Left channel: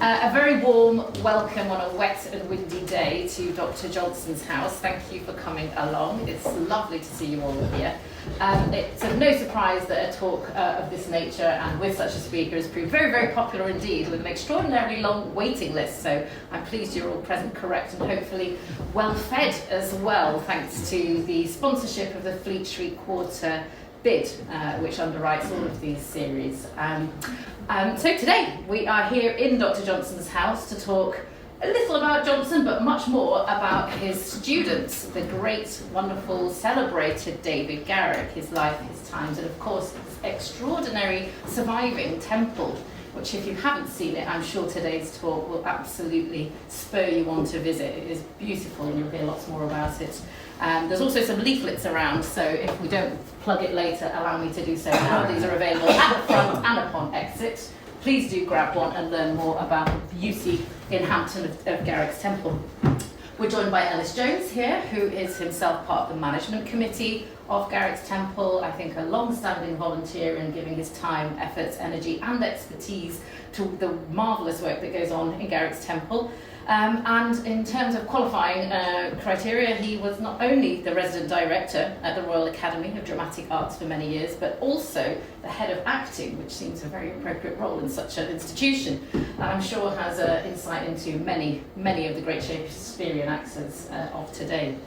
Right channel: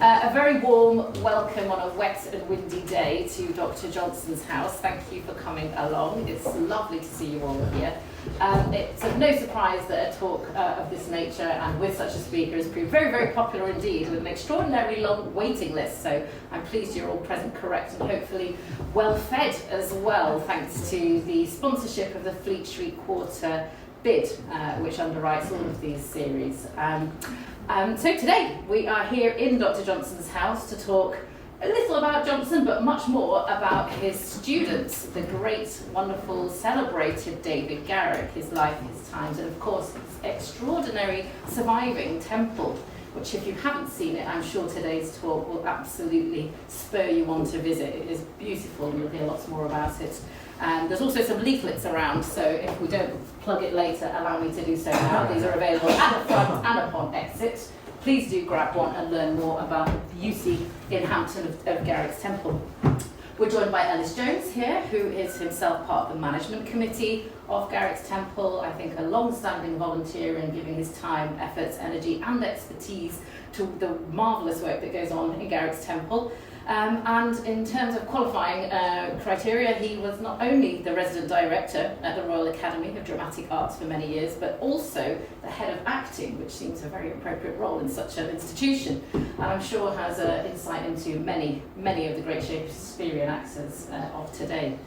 A very warm welcome on a wet and windy day to Dr. Johnson's house. Thank you for coming along. It's lovely to see you all here. It's no surprise that a talk of this nature and with such a speaker has proved very, very popular indeed, with an extraordinarily long waiting list. So I'm pleased you're all present, correct, and hopefully well fed as well, thanks to the sponsorship of the Fleet Street Quarter bid, which underwrites all of these series. So today we are here in Dr. Johnson's house to talk a little about Johnson, but much more about his students, the great, wonderful, celebrated David Garrick, his life, his times, and of course his extraordinary surviving temple, which if you haven't seen it, I'm sure today's talk will absolutely spur you on to visit. It is beautiful and you'll hear lots more about it. And there's also some leaflets around, so if we don't plug it later, allow me to do so now. These are available at the front and upon exit. Please do grab one and learn more about the beauty in Hampton of Garrick's Temple. We're joined by Ellis Jones here, who is himself part of the management committee of Garrick's Temple. I think a long-standing volunteer in giving his time, efforts, energy and expertise to the marvellous work that goes on in Garrick's Temple. And in terms of qualifying criteria, he was not only the resident director at the Royal Academy of Dramatic Arts for many years, but also the head of acting, which seems a very appropriate role in such an institution. And I'm sure has insight into many of the great Shakespearean actors of today.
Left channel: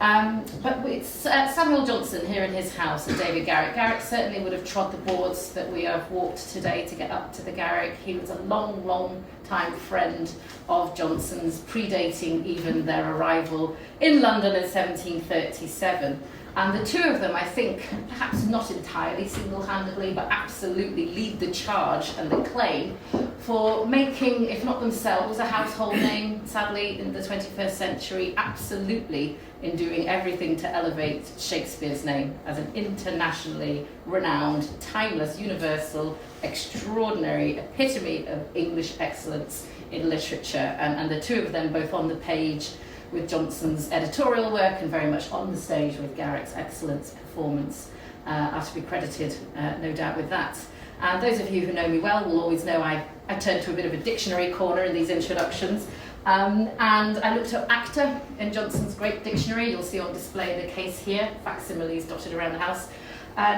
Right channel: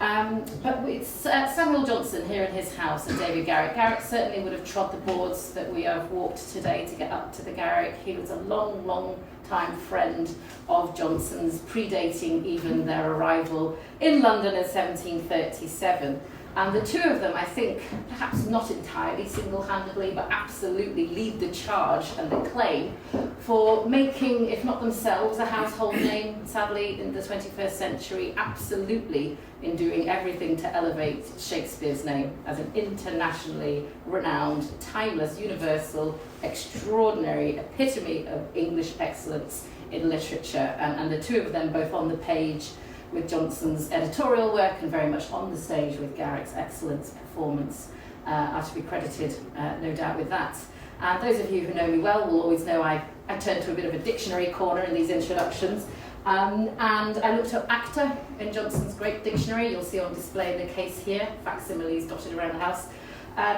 But it's Samuel Johnson here in his house and David Garrick. Garrick certainly would have trod the boards that we have walked today to get up to the Garrick. He was a long time friend of Johnson's, predating even their arrival in London in 1737. And the two of them, I think, perhaps not entirely single-handedly, but absolutely lead the charge and the claim for making, if not themselves, a household name, sadly, in the 21st century, absolutely in doing everything to elevate Shakespeare's name as an internationally renowned, timeless, universal, extraordinary epitome of English excellence in literature. And the two of them both on the page with Johnson's editorial work and very much on the stage with Garrick's excellent performance are to be credited, no doubt, with that. And those of you who know me well will always know I turn to a bit of a dictionary corner in these introductions. And I looked up actor in Johnson's great dictionary. You'll see on display the case here, facsimiles dotted around the house.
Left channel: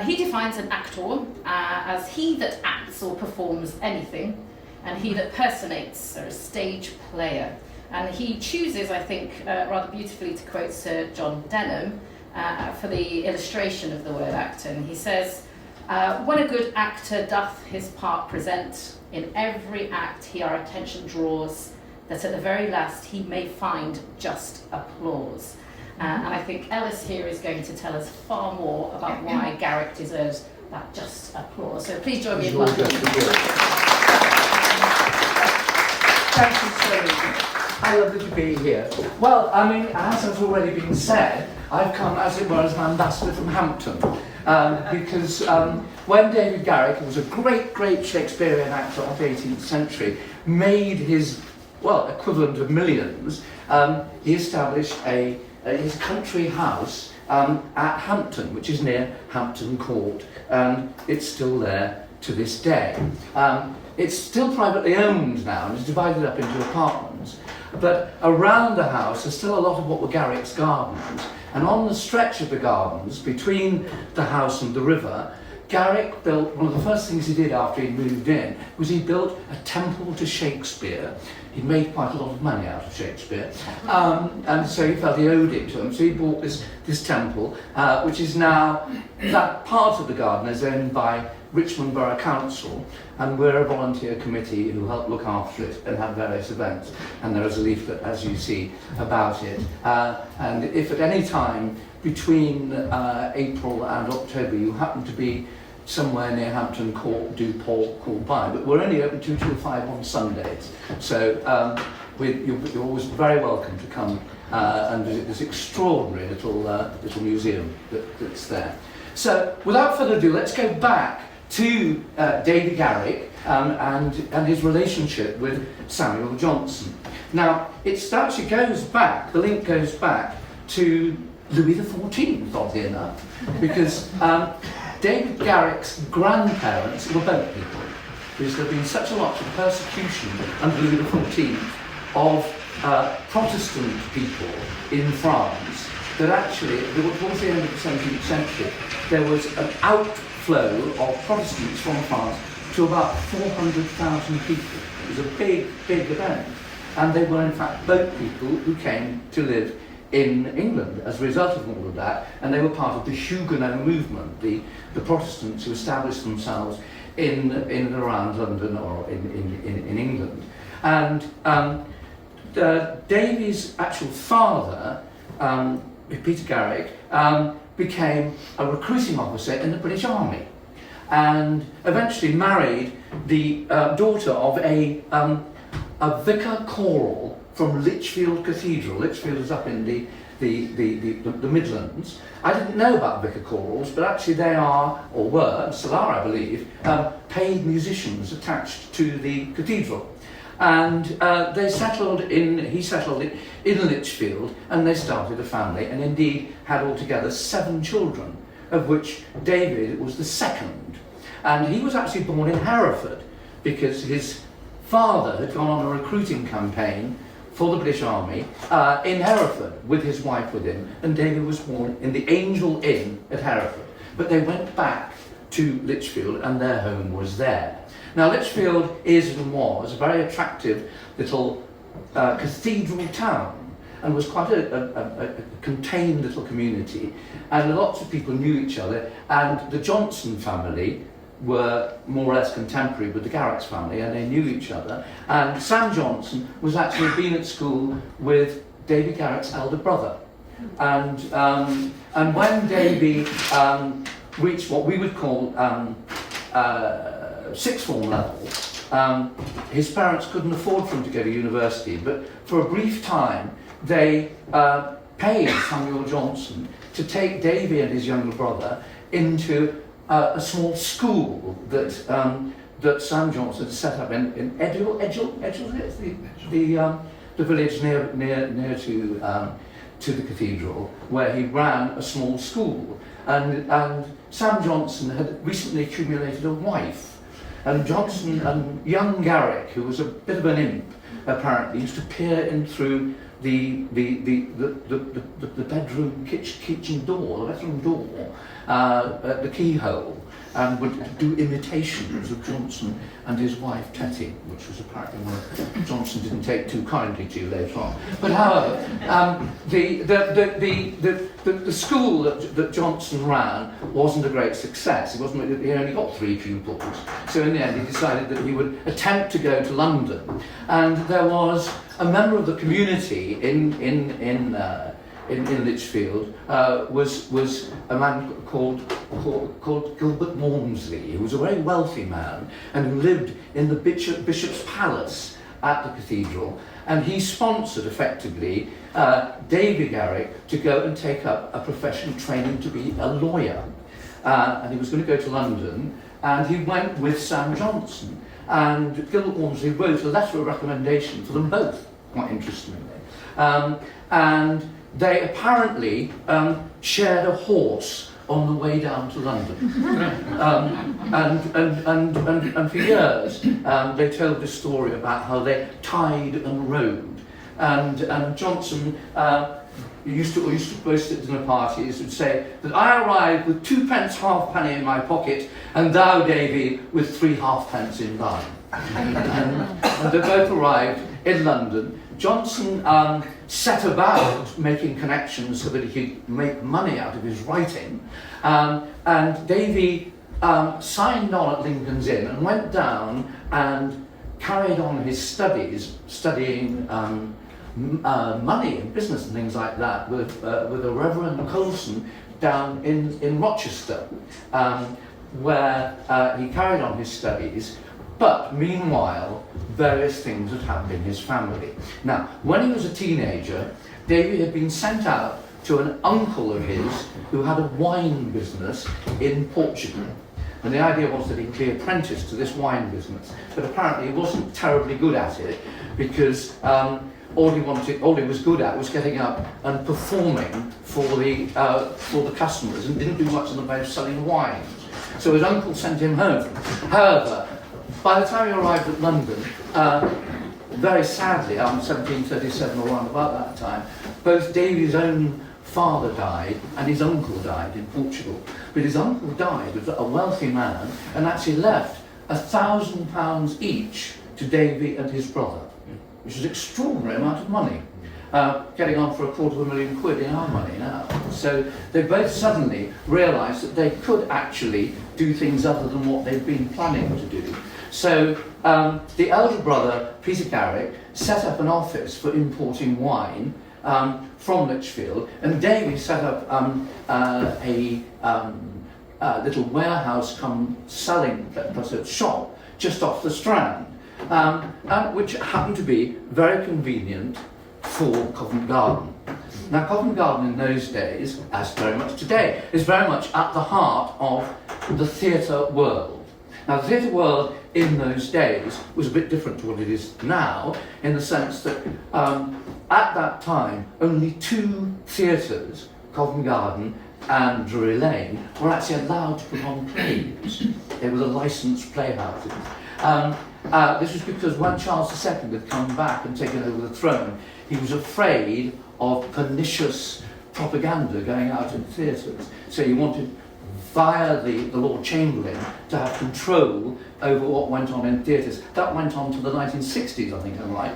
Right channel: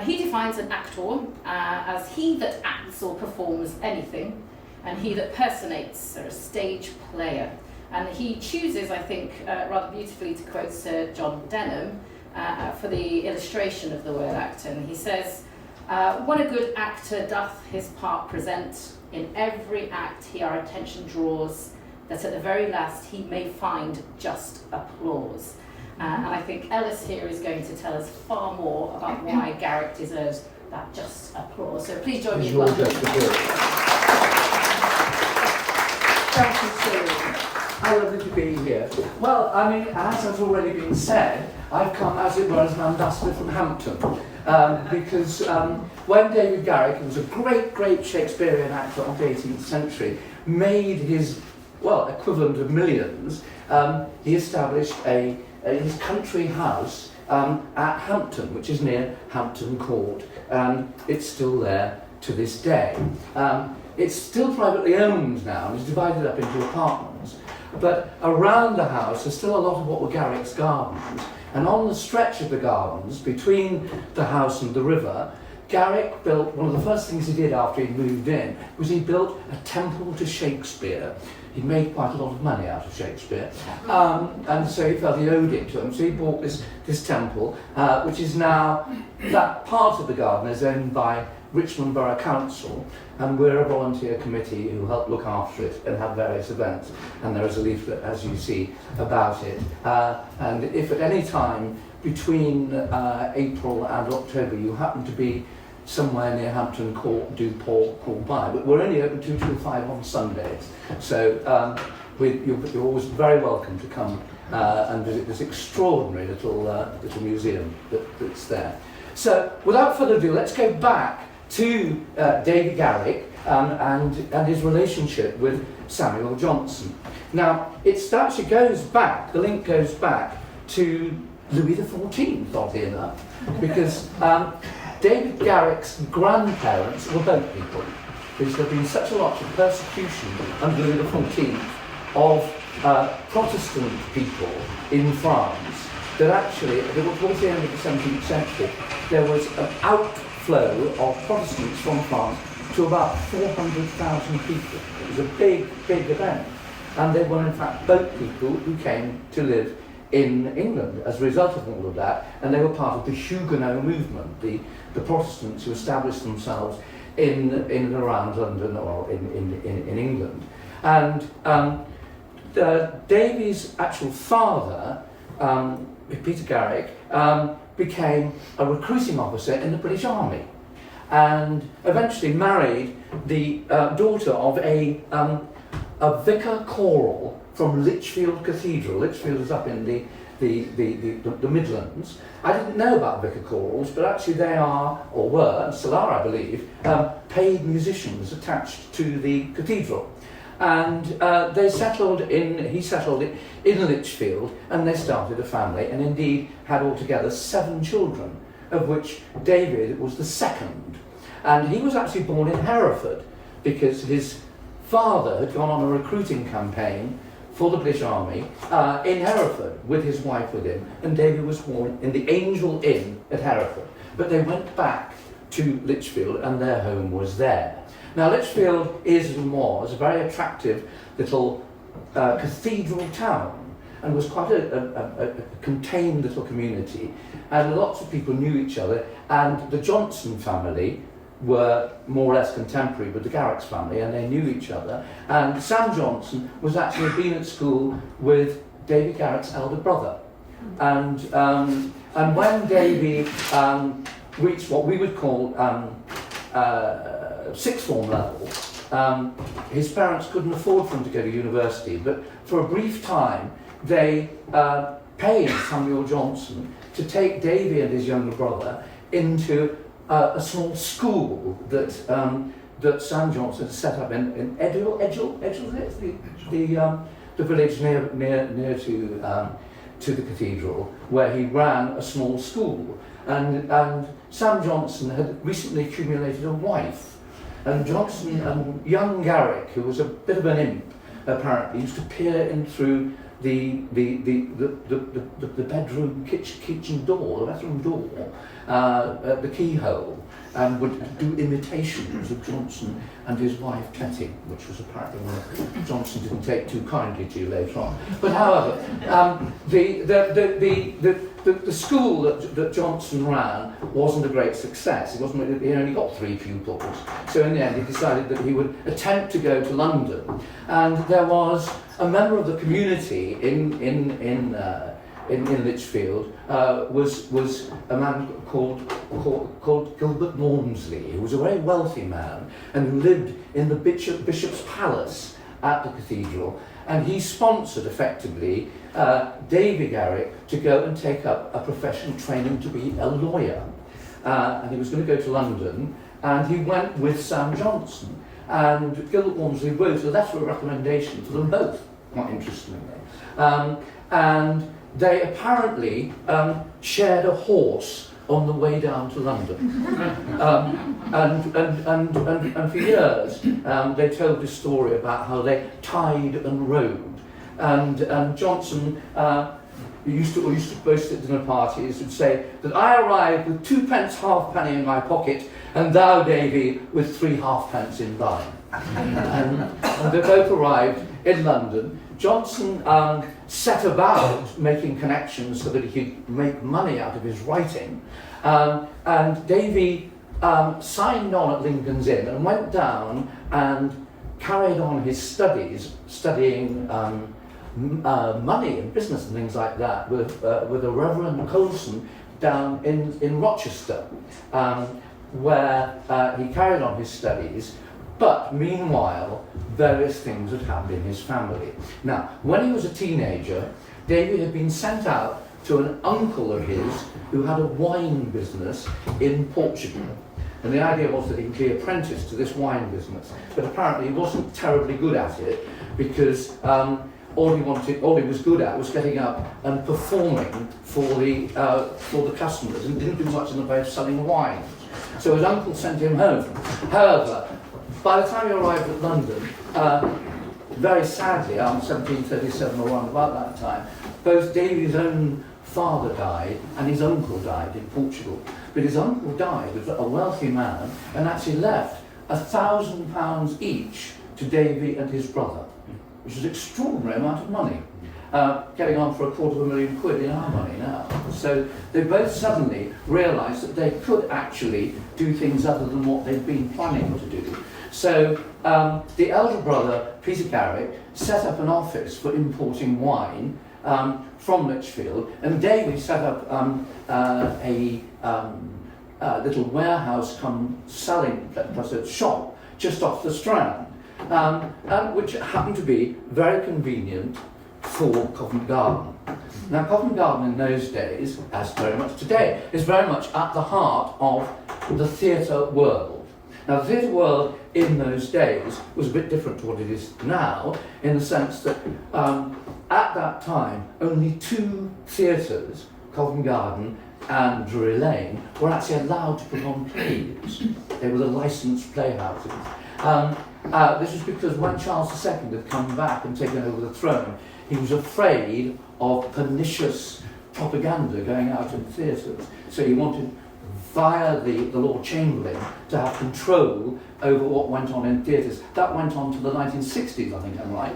He defines an actor as he that acts or performs anything, and he that personates, or a stage player. And he chooses, I think, rather beautifully to quote Sir John Denham for the illustration of the word actor. And he says, when a good actor doth his part present, in every act he our attention draws, that at the very last he may find just applause. And I think Ellis here is going to tell us far more about why Garrick deserves that just applause. So please join me in welcoming. Thank you so much. How lovely to be here. Well, I mean, as has already been said, I've come, as it were, as an ambassador from Hampton. Because when David Garrick, who was a great Shakespearean actor of the 18th century, made his, well, equivalent of millions, he established his country house at Hampton, which is near Hampton Court. It's still there to this day. It's still privately owned now and is divided up into apartments. But around the house there's still a lot of what were Garrick's gardens. And on the stretch of the gardens between the house and the river, Garrick built, one of the first things he did after he'd moved in, was he built a temple to Shakespeare. He made quite a lot of money out of Shakespeare, and so he felt he owed it to him. So he bought this temple, which is now, that part of the garden is owned by Richmond Borough Council, and we're a volunteer committee who help look after it and have various events. And there is a leaflet, as you see, about it. And if at any time between April and October you happen to be somewhere near Hampton Court, do call by. But we're only open 2 till 5 on Sundays, so you're always very welcome to come and visit this extraordinary little museum that's there. So without further ado, let's go back to David Garrick and his relationship with Samuel Johnson. Now, it actually goes back, the link goes back to Louis XIV, oddly enough, because David Garrick's grandparents were boat people. because there had been such a lot of persecution under Louis XIV of Protestant people in France that actually, towards the end of the 17th century, there was an outflow of Protestants from France to about 400,000 people. It was a big, big event. And they were in fact boat people who came to live in England as a result of all of that, and they were part of the Huguenot movement, the Protestants who established themselves in and around London or in England. And Davy's actual father, Peter Garrick, became a recruiting officer in the British Army, and eventually married the daughter of a vicar choral from Lichfield Cathedral. Lichfield is up in the Midlands. I didn't know about vicar chorals, but actually they are, or were, and still are I believe, paid musicians attached to the cathedral. And he settled in Lichfield, and they started a family, and indeed had altogether 7 children, of which David was the second. And he was actually born in Hereford, because his father had gone on a recruiting campaign for the British Army in Hereford with his wife with him, and David was born in the Angel Inn at Hereford. But they went back to Lichfield, and their home was there. Now Lichfield is and was a very attractive little cathedral town, and was quite a contained little community, and lots of people knew each other, and the Johnson family were more or less contemporary with the Garrick's family, and they knew each other. And Sam Johnson was actually been at school with Davy Garrick's elder brother. And when Davy reached what we would call sixth form level, his parents couldn't afford for him to go to university, but for a brief time they paid Samuel Johnson to take Davy and his younger brother into a small school that Sam Johnson set up in Edgell, the village near to the cathedral, where he ran a small school. And Sam Johnson had recently accumulated a wife, and Johnson and young Garrick, who was a bit of an imp apparently, used to peer in through the bedroom kitchen door, the bedroom door, the keyhole, and would do imitations of Johnson and his wife Tetty, which was apparently one that Johnson didn't take too kindly to later on. But however, the school that Johnson ran wasn't a great success. He only got 3 pupils. So in the end, he decided that he would attempt to go to London, and there was a member of the community in Lichfield was a man called Gilbert Walmsley, who was a very wealthy man and who lived in the Bishop's Palace at the cathedral, and he sponsored effectively Davy Garrick to go and take up a professional training to be a lawyer, and he was going to go to London, and he went with Sam Johnson, and Gilbert Walmsley wrote a letter of recommendation for them both, quite interestingly, and they apparently shared a horse on the way down to London. And for years they told this story about how they tied and rode. And Johnson used to boast at dinner parties and say that I arrived with 2 pence halfpenny in my pocket, and thou, Davy, with 3 halfpence in thine. And they both arrived in London. Johnson set about making connections so that he could make money out of his writing, and Davy signed on at Lincoln's Inn and went down and carried on his studies, studying money and business and things like that with a Reverend Colson down in Rochester, where he carried on his studies. But meanwhile, various things had happened in his family. Now, when he was a teenager, Davy had been sent out to an uncle of his who had a wine business in Portugal. And the idea was that he would be apprenticed to this wine business. But apparently he wasn't terribly good at it, because all he was good at was getting up and performing for the customers, and didn't do much in the way of selling wines. So his uncle sent him home. However, by the time he arrived at London, very sadly, 1737 or around about that time, both Davy's own father died and his uncle died in Portugal. But his uncle died, was a wealthy man, and actually left £1,000 each to Davy and his brother, which is an extraordinary amount of money. Getting on for £250,000 in our money now. So they both suddenly realised that they could actually do things other than what they'd been planning to do. So the elder brother, Peter Garrick, set up an office for importing wine from Lichfield, and Davy set up a little warehouse come selling plus a shop just off the Strand, which happened to be very convenient for Covent Garden. Now, Covent Garden in those days, as very much today, is very much at the heart of the theatre world. Now, the theatre world in those days was a bit different to what it is now, in the sense that at that time, only 2 theatres, Covent Garden and Drury Lane, were actually allowed to put on plays. They were the licensed playhouses. This was because when Charles II had come back and taken over the throne, he was afraid of pernicious propaganda going out in theatres. So he wanted, via the Lord Chamberlain, to have control over what went on in theatres. That went on to the 1960s, I think I'm right.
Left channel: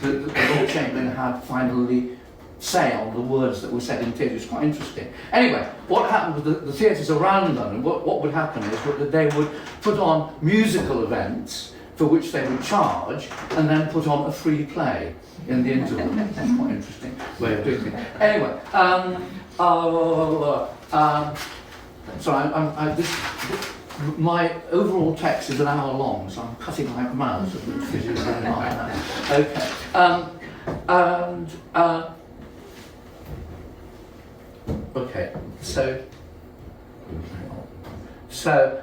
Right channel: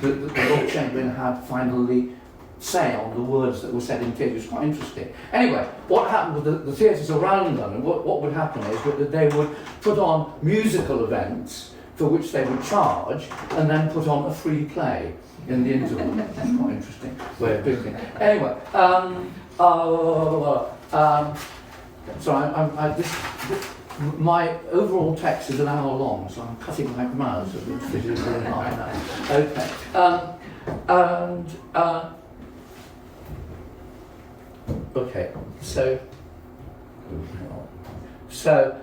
The Lord Chamberlain had finally say on the words that were said in theatre. It's quite interesting. Anyway, what happened with the theatres around London, what would happen is that they would put on musical events for which they would charge, and then put on a free play in the interval. That's quite interesting way of doing it. Anyway, my overall text is an hour long, so I'm cutting my mouth so that it is in half an hour. Okay. Okay, so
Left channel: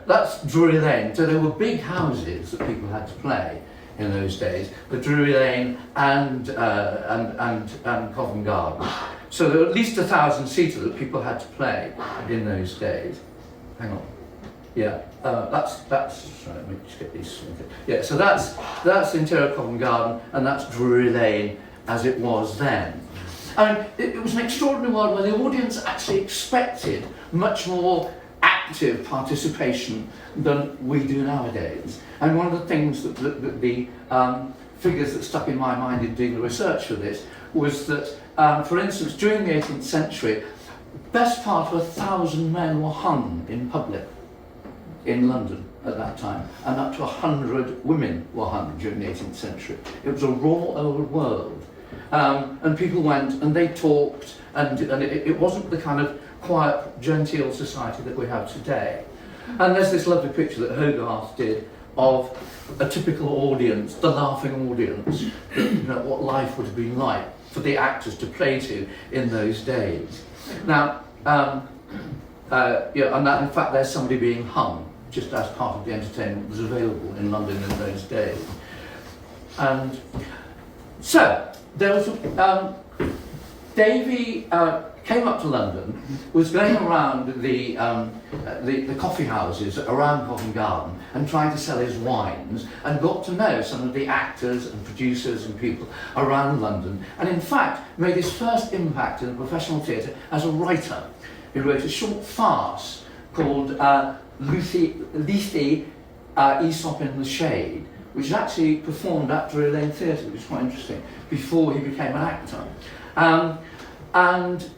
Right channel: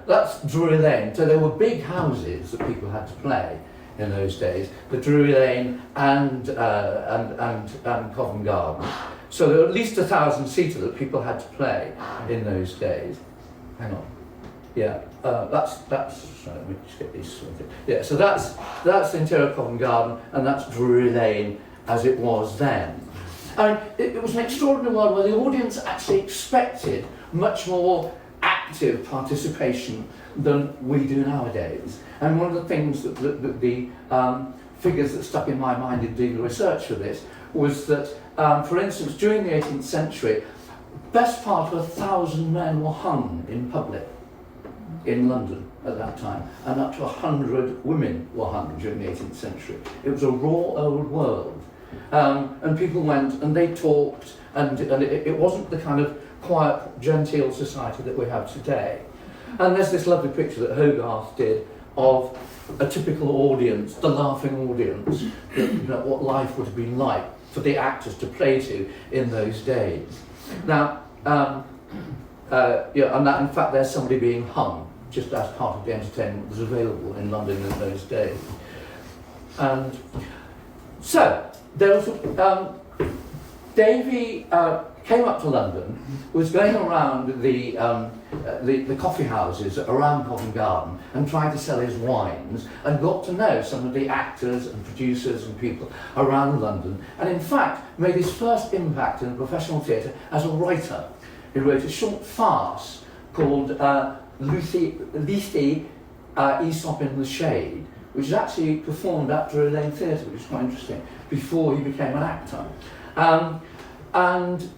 that's Drury Lane. So there were big houses that people had to play in those days, the Drury Lane and Covent Garden. So there were at least 1,000-seater that people had to play in those days. Hang on. Yeah, that's let me just get these. Yeah, so that's the interior of Covent Garden, and that's Drury Lane as it was then. And it was an extraordinary world where the audience actually expected much more active participation than we do nowadays. And one of the things that the figures that stuck in my mind in doing the research for this was that, for instance, during the 18th century, best part of 1,000 men were hung in public in London at that time, and up to 100 women were hung during the 18th century. It was a raw old world. And people went and they talked, and it wasn't the kind of quiet, genteel society that we have today. And there's this lovely picture that Hogarth did of a typical audience, the laughing audience, what life would have been like for the actors to play to in those days. Now, and that, in fact, there's somebody being hung just as part of the entertainment that was available in London in those days. And so, there was Davy came up to London, was going around the coffee houses around Covent Garden and trying to sell his wines, and got to know some of the actors and producers and people around London, and in fact made his first impact in the professional theatre as a writer. He wrote a short farce called Lethe, Aesop in the Shade, which is actually performed at Drury Lane Theatre, which is quite interesting, before he became an actor. And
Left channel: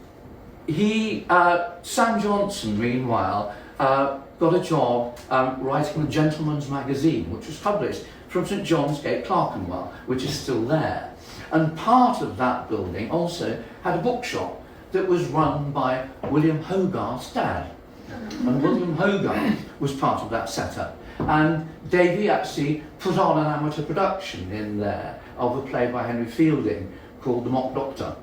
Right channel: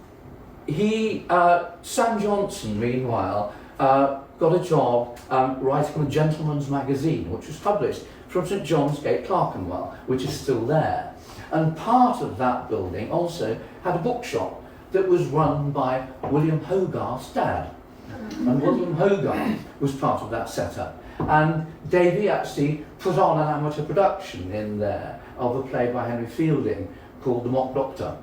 he, Sam Johnson, meanwhile, got a job writing the Gentleman's Magazine, which was published from St John's Gate, Clerkenwell, which is still there. And part of that building also had a bookshop that was run by William Hogarth's dad. And William Hogarth was part of that setup. And Davy actually put on an amateur production in there of a play by Henry Fielding called The Mock Doctor.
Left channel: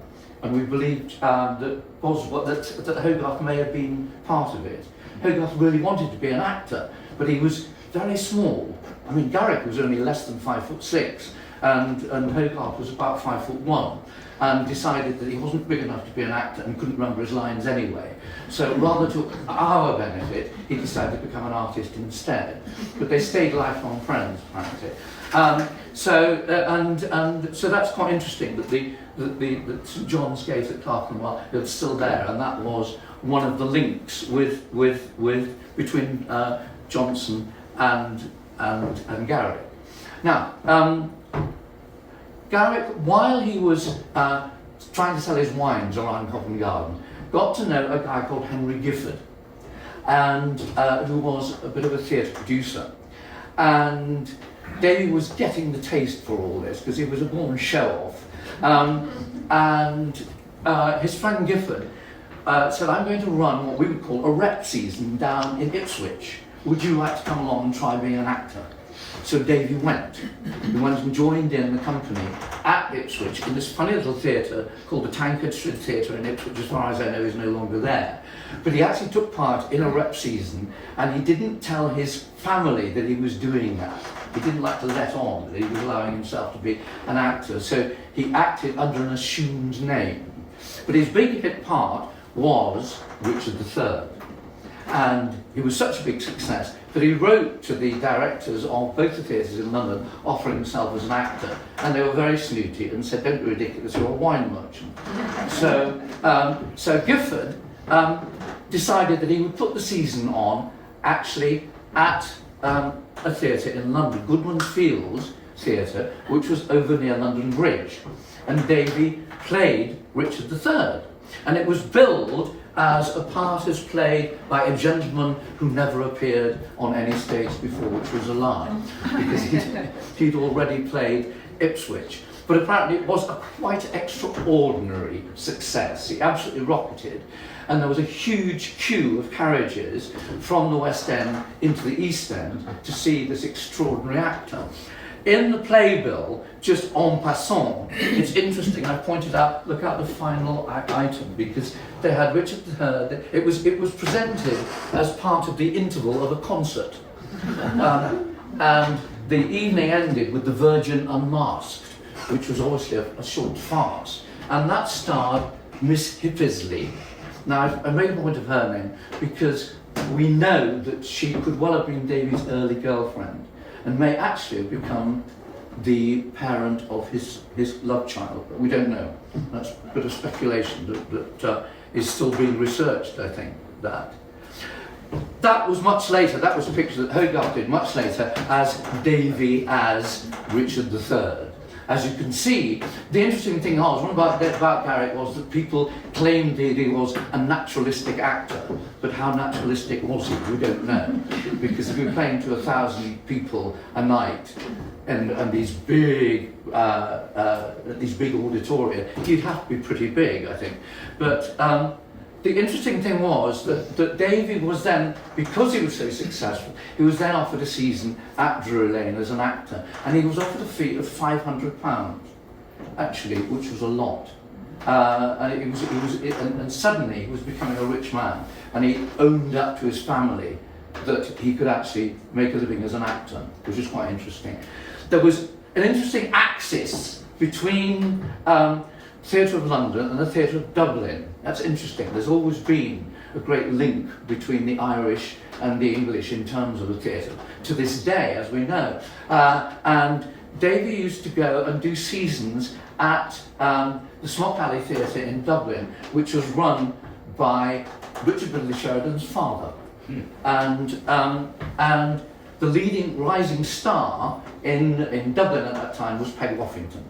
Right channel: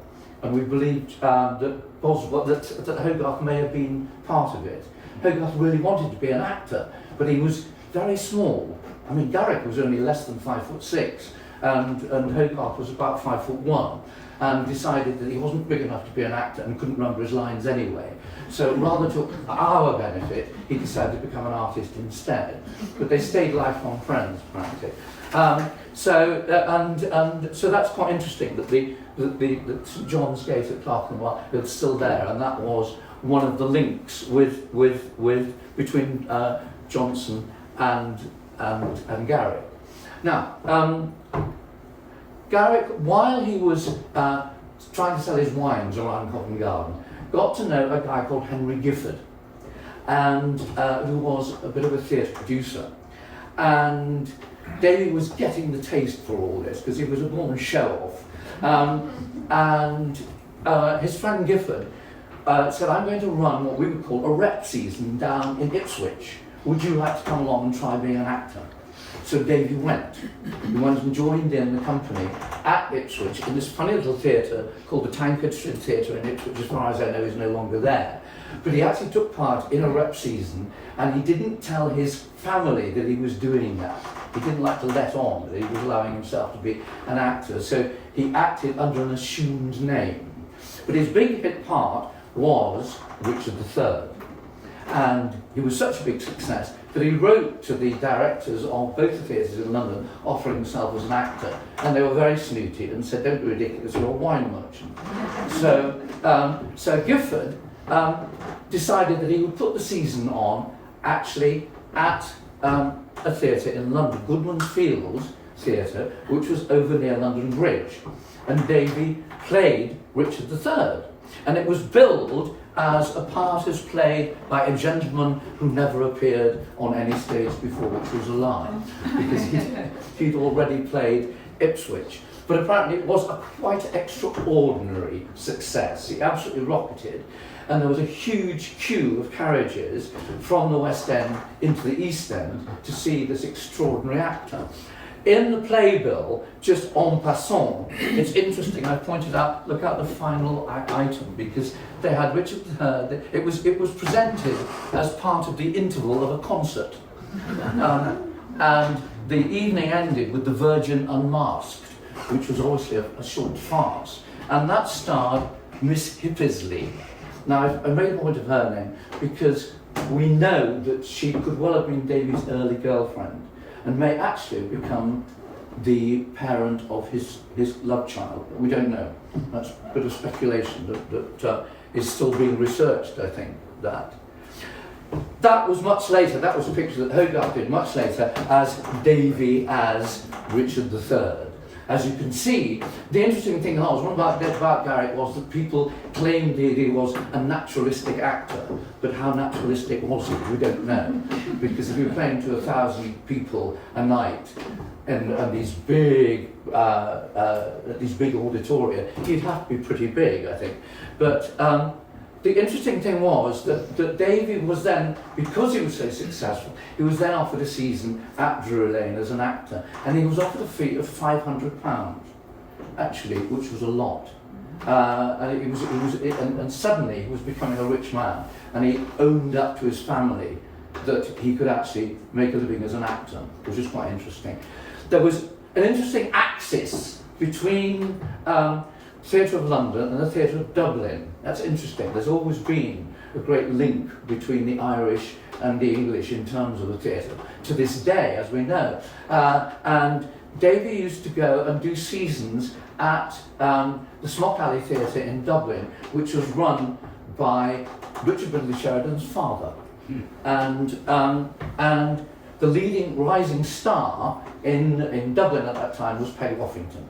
And we believed that Hogarth may have been part of it. Hogarth really wanted to be an actor, but he was very small. I mean, Garrick was only less than 5'6", and Hogarth was about 5'1", and decided that he wasn't big enough to be an actor and couldn't remember his lines anyway. So rather to our benefit, he decided to become an artist instead. But they stayed lifelong friends, practically. So that's quite interesting that the St John's Gate at Clerkenwell is still there, and that was one of the links between Johnson and Garrick. Now, Garrick, while he was trying to sell his wines around Covent Garden, got to know a guy called Henry Gifford, and who was a bit of a theatre producer. And Davy was getting the taste for all this because he was a born show-off. His friend Gifford said, I'm going to run what we would call a rep season down in Ipswich. Would you like to come along and try being an actor? So Davy went. He went and joined in the company at Ipswich in this funny little theatre called the Tankard Street Theatre in Ipswich, as far as I know is no longer there. But he actually took part in a rep season, and he didn't tell his family that he was doing that. He didn't like to let on that he was allowing himself to be an actor, so he acted under an assumed name. But his big hit part was Richard III. And he was such a big success that he wrote to the directors of both the theatres in London offering himself as an actor, and they were very snooty and said, don't be ridiculous, you're a wine merchant. So Gifford decided that he would put the season on actually at a theatre in London, Goodman Fields Theatre, which was over near London Bridge, and Davy played Richard III. And it was billed as a part as played by a gentleman who never appeared on any stage before, which was a lie, because he'd already played Ipswich. But apparently it was a quite extraordinary success. He absolutely rocketed, and there was a huge queue of carriages from the West End into the East End to see this extraordinary actor. In the playbill, just en passant, it's interesting, I pointed out, look at the final item, because they had Richard III, it was presented as part of the interval of a concert. And the evening ended with the Virgin Unmasked, which was obviously a short farce, and that starred Miss Hippisley. Now, I made a point of her name because we know that she could well have been Davy's early girlfriend, and may actually have become the parent of his love child. We don't know. That's a bit of speculation that is still being researched, I think, that. That was much later, that was a picture that Hogarth did much later as Davy as Richard III. As you can see, the interesting thing was, one about Garrick was that people claimed that he was a naturalistic actor, but how naturalistic was he? We don't know. Because if you're playing to 1,000 people a night and these big auditoria, you'd have to be pretty big, I think. But the interesting thing was that Davy was then, because he was so successful, he was then offered a season at Drury Lane as an actor, and he was offered a fee of £500, actually, which was a lot. And suddenly he was becoming a rich man, and he owned up to his family that he could actually make a living as an actor, which was quite interesting. There was an interesting axis between Theatre of London and the Theatre of Dublin. That's interesting. There's always been a great link between the Irish and the English in terms of the theatre, to this day, as we know. And Davy used to go and do seasons at the Smock Alley Theatre in Dublin, which was run by Richard Brindley Sheridan's father. And the leading rising star in Dublin at that time was Peggy Woffington.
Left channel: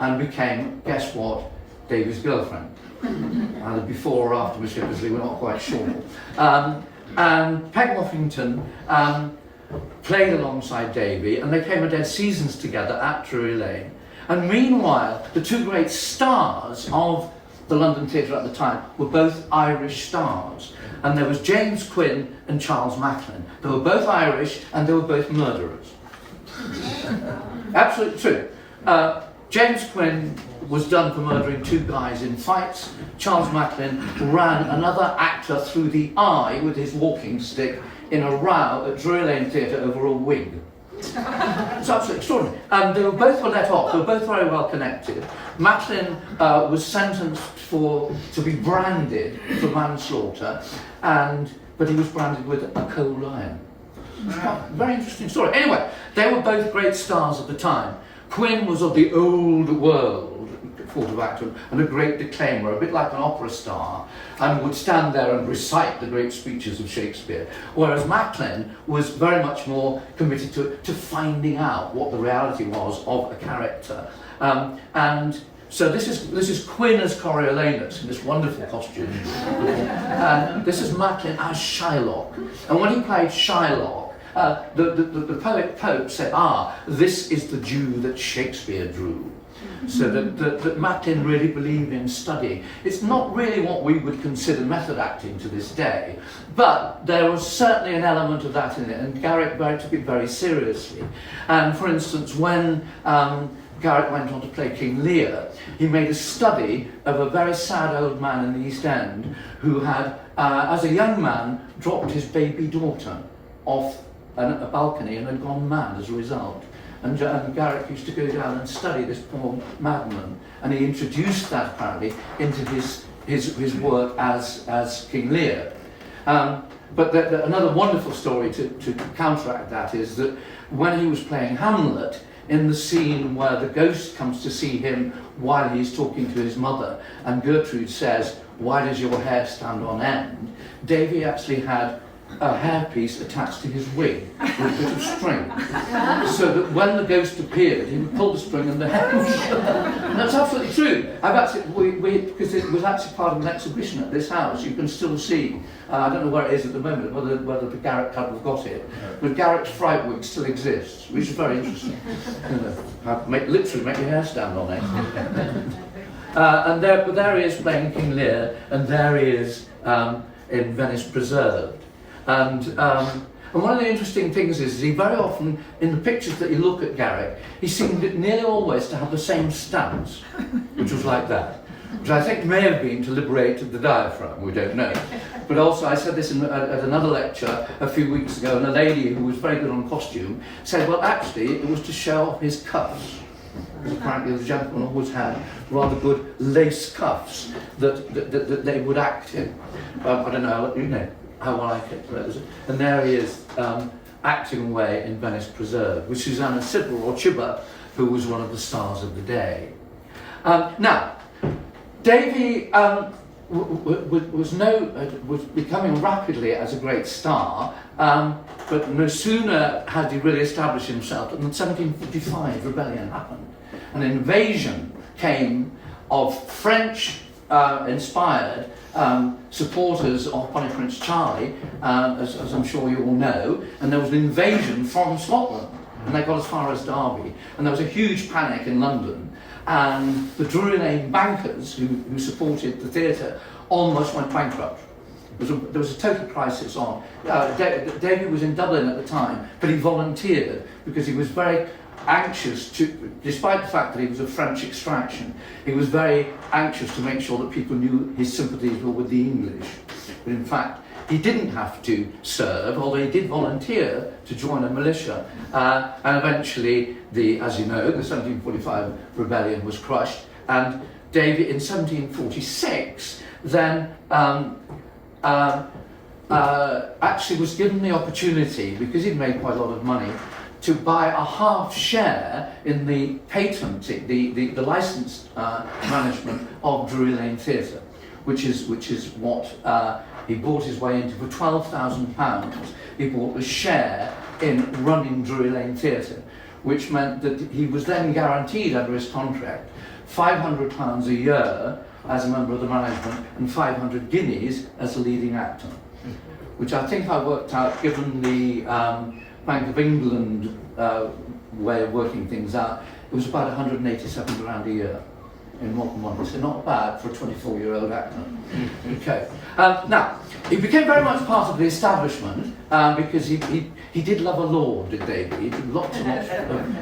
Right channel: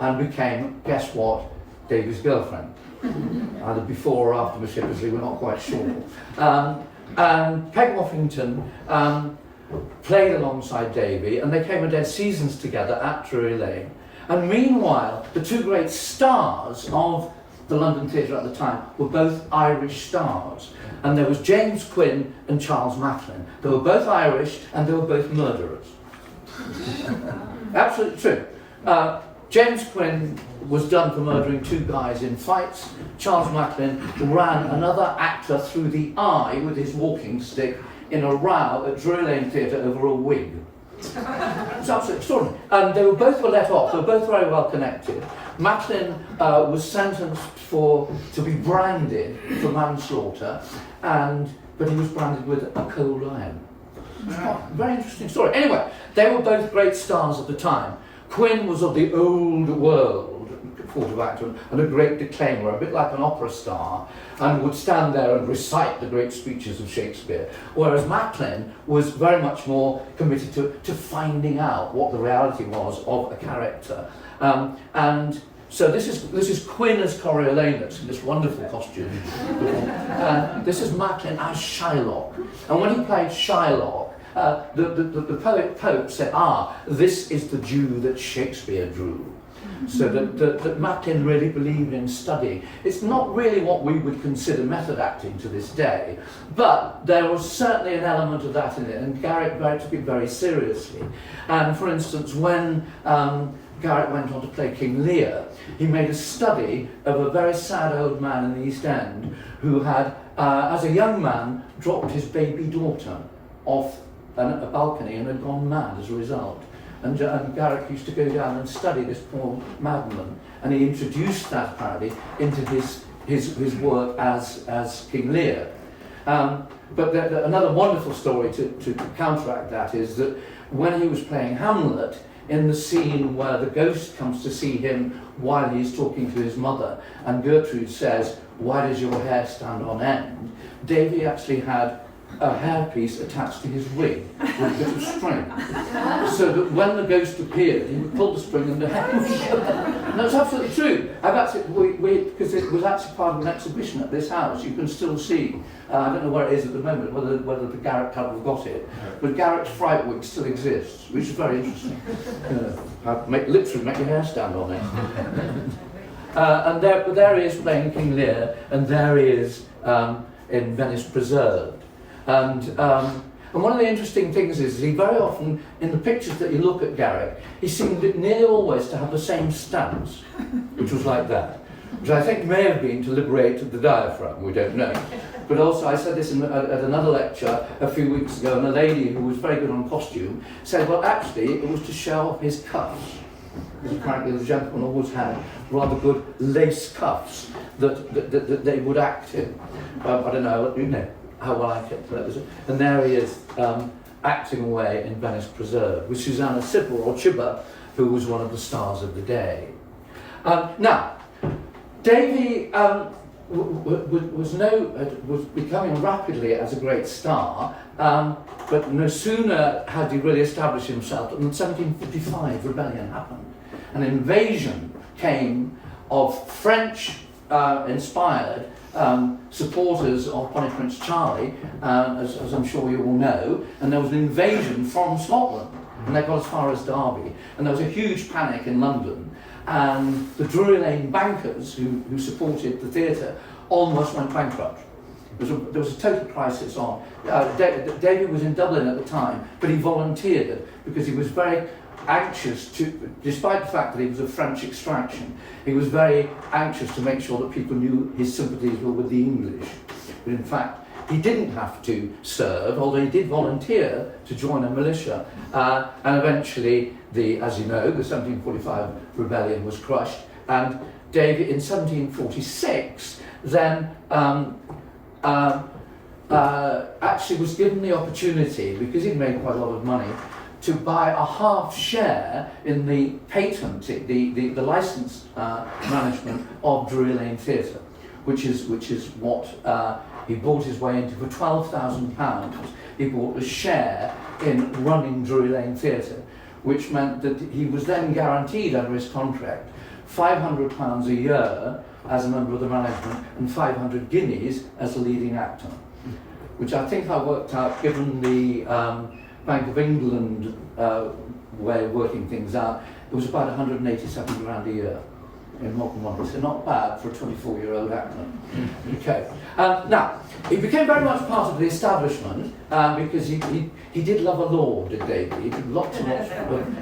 And became, guess what, Davy's girlfriend. Either before or after Miss Hippisley, we're not quite sure. And Peg Woffington played alongside Davy, and they came and did seasons together at Drury Lane. And meanwhile, the two great stars of the London theatre at the time were both Irish stars. And there was James Quinn and Charles Macklin. They were both Irish, and they were both murderers. Absolutely true. James Quinn was done for murdering two guys in fights. Charles Macklin ran another actor through the eye with his walking stick in a row at Drury Lane Theatre over a wig. It's absolutely extraordinary. And they were both let off. They were both very well connected. Macklin was sentenced to be branded for manslaughter, but he was branded with a coal iron. Very interesting story. Anyway, they were both great stars at the time. Quin was of the old world, thought of actor, and a great declaimer, a bit like an opera star, and would stand there and recite the great speeches of Shakespeare. Whereas Macklin was very much more committed to finding out what the reality was of a character. And so this is Quin as Coriolanus in this wonderful costume, and this is Macklin as Shylock. And when he played Shylock, the poet Pope said, this is the Jew that Shakespeare drew. So that Macklin really believed in studying. It's not really what we would consider method acting to this day, but there was certainly an element of that in it, and Garrick took it very seriously. And for instance, when Garrick went on to play King Lear, he made a study of a very sad old man in the East End who had, as a young man, dropped his baby daughter off a balcony and had gone mad as a result. And Garrick used to go down and study this poor madman, and he introduced that apparently into his work as King Lear. But another wonderful story to counteract that is that when he was playing Hamlet, in the scene where the ghost comes to see him while he's talking to his mother, and Gertrude says, "Why does your hair stand on end?" Davy actually had a hairpiece attached to his wig with a bit of string, so that when the ghost appeared, he would pull the string and the hair would show. And that's absolutely true. I've actually, because it was actually part of an exhibition at this house, you can still see, I don't know where it is at the moment, whether the Garrick Club have got it, but Garrick's fright wig still exists, which is very interesting. Literally make your hair stand on it. And there he is playing King Lear, and there he is in Venice Preserved. And one of the interesting things is he very often, in the pictures that you look at Garrick, he seemed nearly always to have the same stance, which was like that, which I think may have been to liberate the diaphragm, we don't know. But also, I said this at another lecture a few weeks ago, and a lady who was very good on costume said, well, actually, it was to show off his cuffs. Because apparently the gentleman always had rather good lace cuffs that they would act in. I don't know, how well I kept that. And there he is acting away in Venice Preserved with Susanna Sibble or Chibber, who was one of the stars of the day. Now, Davy was becoming rapidly as a great star, but no sooner had he really established himself than the 1755 rebellion happened. An invasion came of French inspired supporters of Bonnie Prince Charlie, as I'm sure you all know, and there was an invasion from Scotland, and they got as far as Derby, and there was a huge panic in London, and the Drury Lane bankers who supported the theatre almost went bankrupt. There was a total crisis on. David was in Dublin at the time, but he volunteered because he was very anxious to, despite the fact that he was of French extraction, he was very anxious to make sure that people knew his sympathies were with the English. But in fact, he didn't have to serve, although he did volunteer to join a militia. And eventually, as you know, the 1745 rebellion was crushed, and David, in 1746, then actually was given the opportunity, because he'd made quite a lot of money, to buy a half share in the patent, the license management of Drury Lane Theatre, which is what he bought his way into. For £12,000, he bought a share in running Drury Lane Theatre, which meant that he was then guaranteed under his contract £500 a year as a member of the management and 500 guineas as a leading actor, which I think I worked out, given the Bank of England way of working things out, it was about 187 grand a year in modern money, so not bad for a 24-year-old actor. Okay. Now, he became very much part of the establishment because he did love a lord, did David? He did lots and lots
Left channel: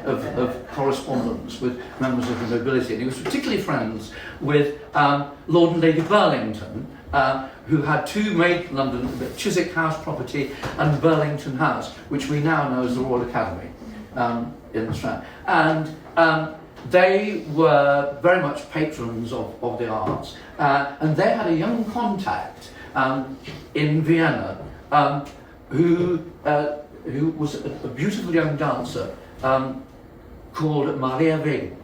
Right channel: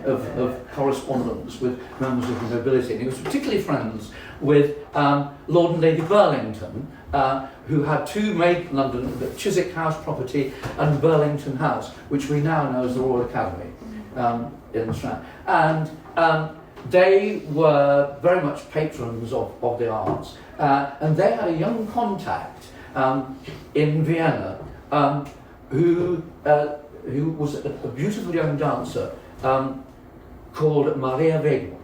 of correspondence with members of the nobility, and he was particularly friends with Lord and Lady Burlington, who had two made London, the Chiswick House property and Burlington House, which we now know as the Royal Academy. in the Strand. And they were very much patrons of the arts, and they had a young contact in Vienna who was a beautiful young dancer called Maria Wegen.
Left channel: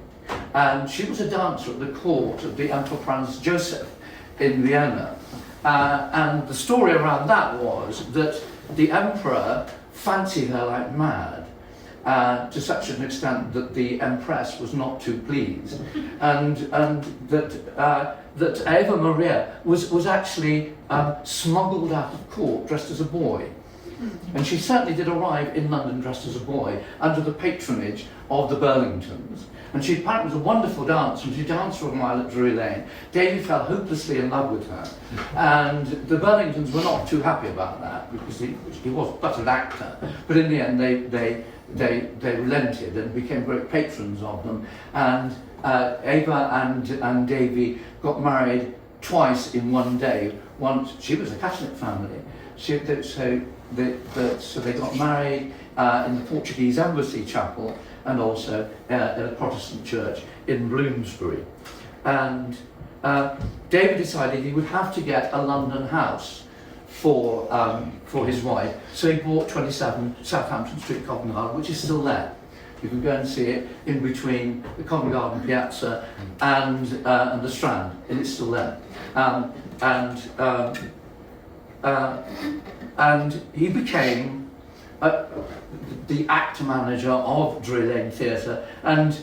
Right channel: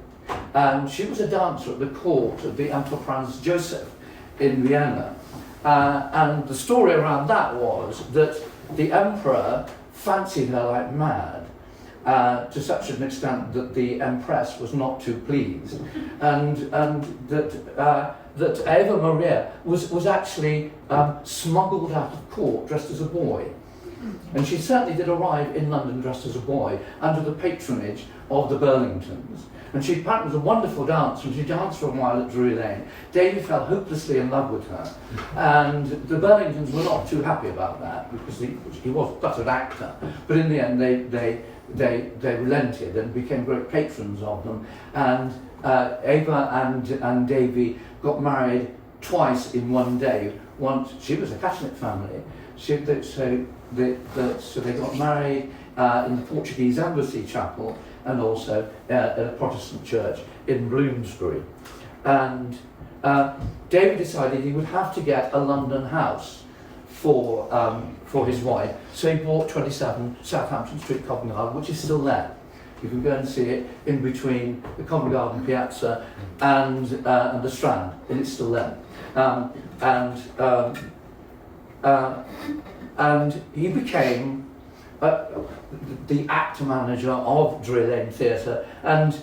And she was a dancer at the court of the Emperor Franz Joseph in Vienna. And the story around that was that the emperor fancied her like mad, to such an extent that the empress was not too pleased, and that Eva Maria was actually smuggled out of court dressed as a boy. And she certainly did arrive in London dressed as a boy under the patronage of the Burlingtons. And she apparently was a wonderful dancer, and she danced for a while at Drury Lane. Davy fell hopelessly in love with her, and the Burlingtons were not too happy about that, because he was but an actor. But in the end, they relented and became great patrons of them. And Ava and Davy got married twice in one day. Once, she was a Catholic family, so they got married in the Portuguese Embassy Chapel, and also at a Protestant church in Bloomsbury. And David decided he would have to get a London house for his wife, so he bought 27 Southampton Street, Covent Garden, which is still there. You can go and see it in between the Covent Garden Piazza and the Strand, and it's still there. And he became the actor manager of Drury Lane Theatre, and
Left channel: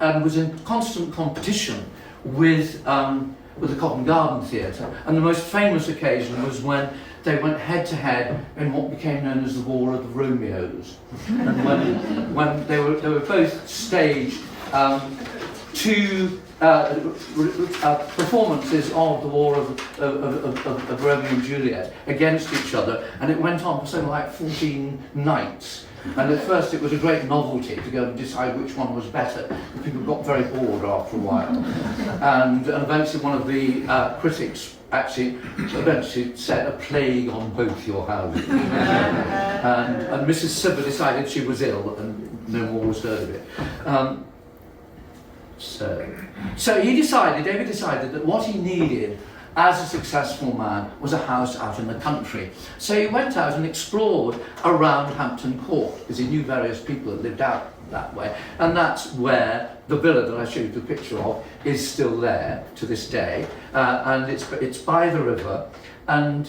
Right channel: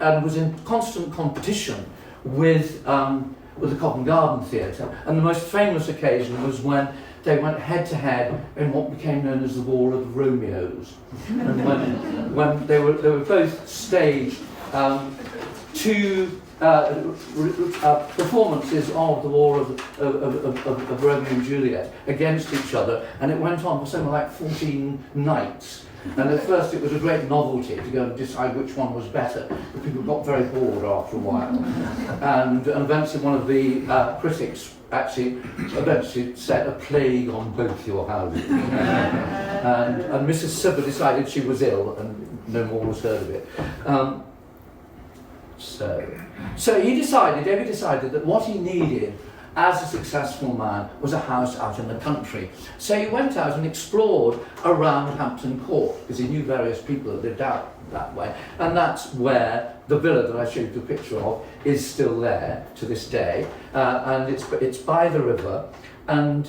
was in constant competition with the Covent Garden Theatre. And the most famous occasion was when they went head to head in what became known as the War of the Romeos. And when they were both staged two performances of the War of Romeo and Juliet against each other, and it went on for something like 14 nights. And at first it was a great novelty to go and decide which one was better, but people got very bored after a while. And eventually one of the critics actually said, "A plague on both your houses." and Mrs. Cibber decided she was ill, and no more was heard of it. So David decided that what he needed as a successful man was a house out in the country. So he went out and explored around Hampton Court, because he knew various people that lived out that way. And that's where the villa that I showed you the picture of is still there to this day. And it's by the river, and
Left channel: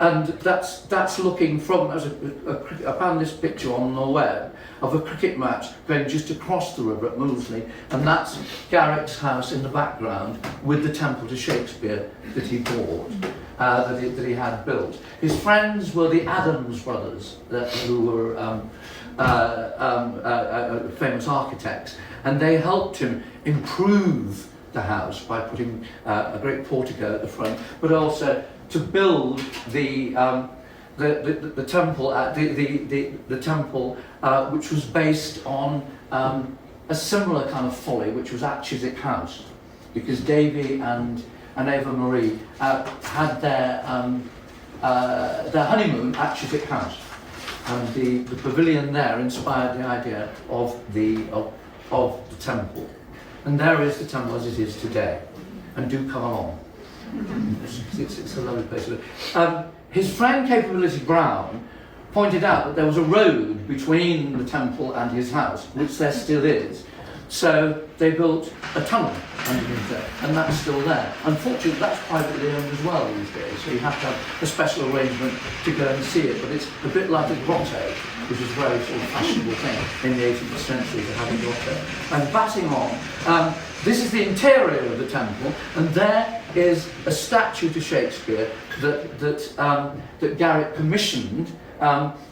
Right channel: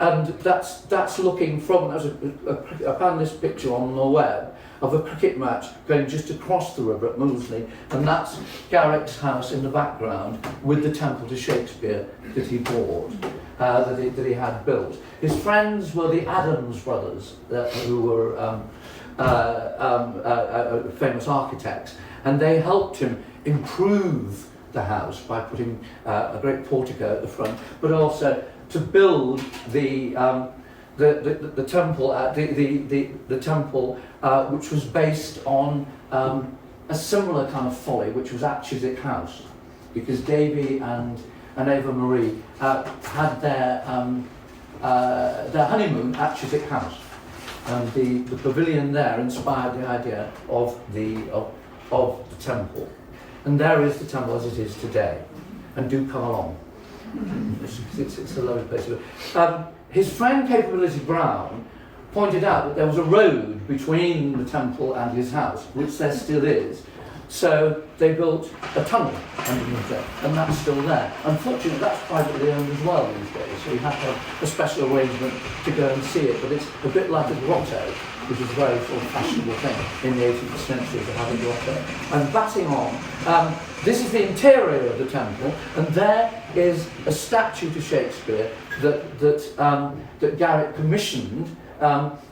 that's looking from, I found this picture on the web of a cricket match going just across the river at Moulsey, and that's Garrick's house in the background with the temple to Shakespeare that he bought, that he had built. His friends were the Adams brothers, who were famous architects, and they helped him improve the house by putting a great portico at the front, but also to build the temple, the temple, which was based on a similar kind of folly, which was at Chiswick House, because Davy and Eva Marie had their honeymoon at Chiswick House, and the pavilion there inspired the idea of the temple, and there is the temple as it is today. And do come along. It's a lovely place to live. His friend Capability Brown pointed out that there was a road between the temple and his house, which there still is. So they built a tunnel underneath there, and that's still there. Unfortunately, that's privately owned as well these days, so you have to have a special arrangement to go and see it. But it's a bit like a grotto, which was a very sort of fashionable thing in the 18th century to have a grotto. And batting on, this is the interior of the temple, and there is a statue to Shakespeare that Garrick commissioned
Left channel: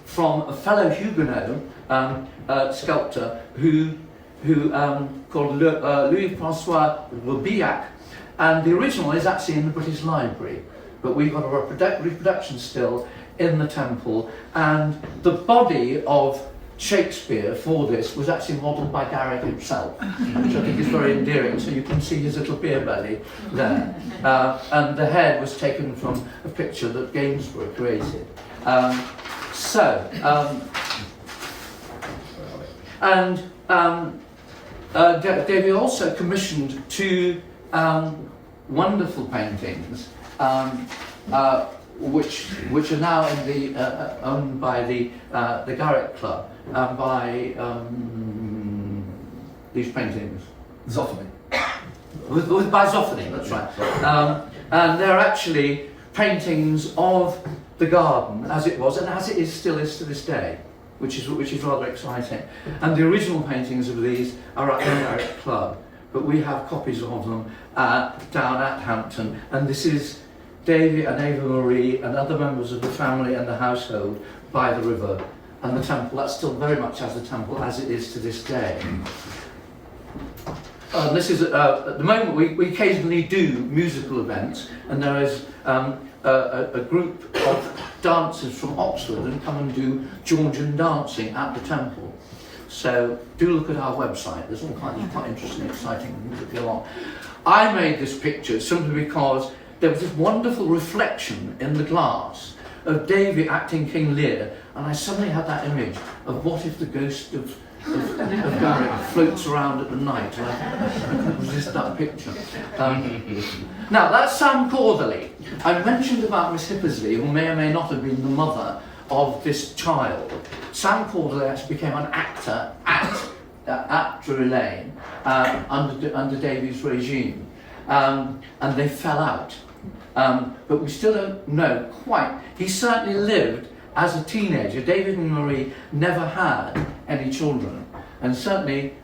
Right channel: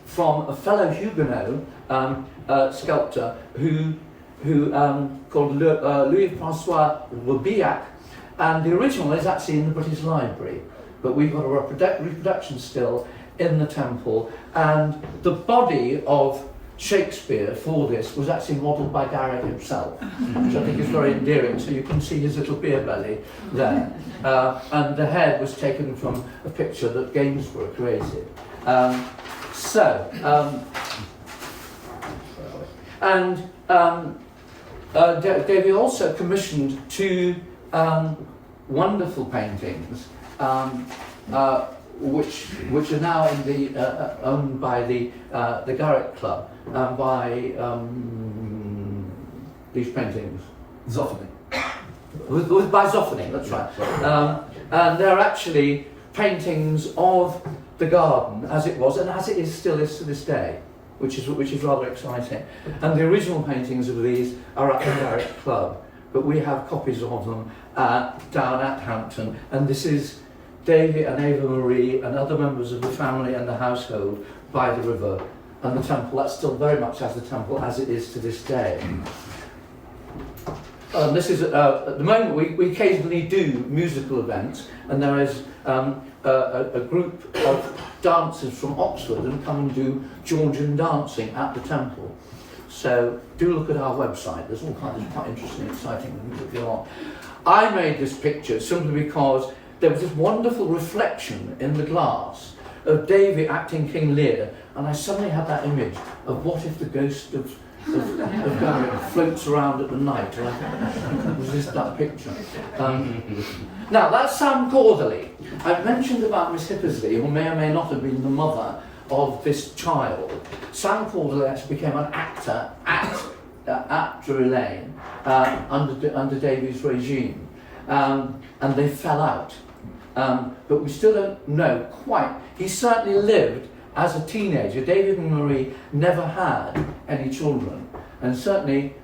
from a fellow Huguenot sculptor who called Louis-François Roubillac, and the original is actually in the British Library, but we've got a reproduction still in the temple, and the body of Shakespeare for this was actually modelled by Garrick himself, which I think is very endearing. So you can see his little beer belly there, and the head was taken from a picture that Gainsborough created. And Davy also commissioned two wonderful paintings, which are now in the owned by the Garrick Club, by these paintings. Zoffany. By Zoffany, that's right. And they're actually paintings of the garden as it was, and as it still is to this day, which is rather exciting. And the original paintings of these are at the Garrick Club, but we have copies of them down at Hampton. And this is Davy and Ava Marie and other members of the family and the household by the river, and the temple. That's still very much as the temple as it is to this day. This is at the moment we occasionally do musical events, and there is a group of dancers from Oxford that come and do Georgian dancing at the temple. So do look at our website. There's all kinds of quite interesting, exciting things that go on. I made this picture simply because there was this wonderful reflection in the glass of Davy acting King Lear, and I suddenly had that image of what if the ghost of Garrick floats around at the night, and I couldn't resist that picture. Now, that's Sam Corderley. I mentioned about Miss Hippersley, who may or may not have been the mother of this child. Sam Corderley actually became an actor at Drury Lane under Davy's regime, and they fell out. But we still don't know quite. He certainly lived as a teenager. David and Marie never had any children, and certainly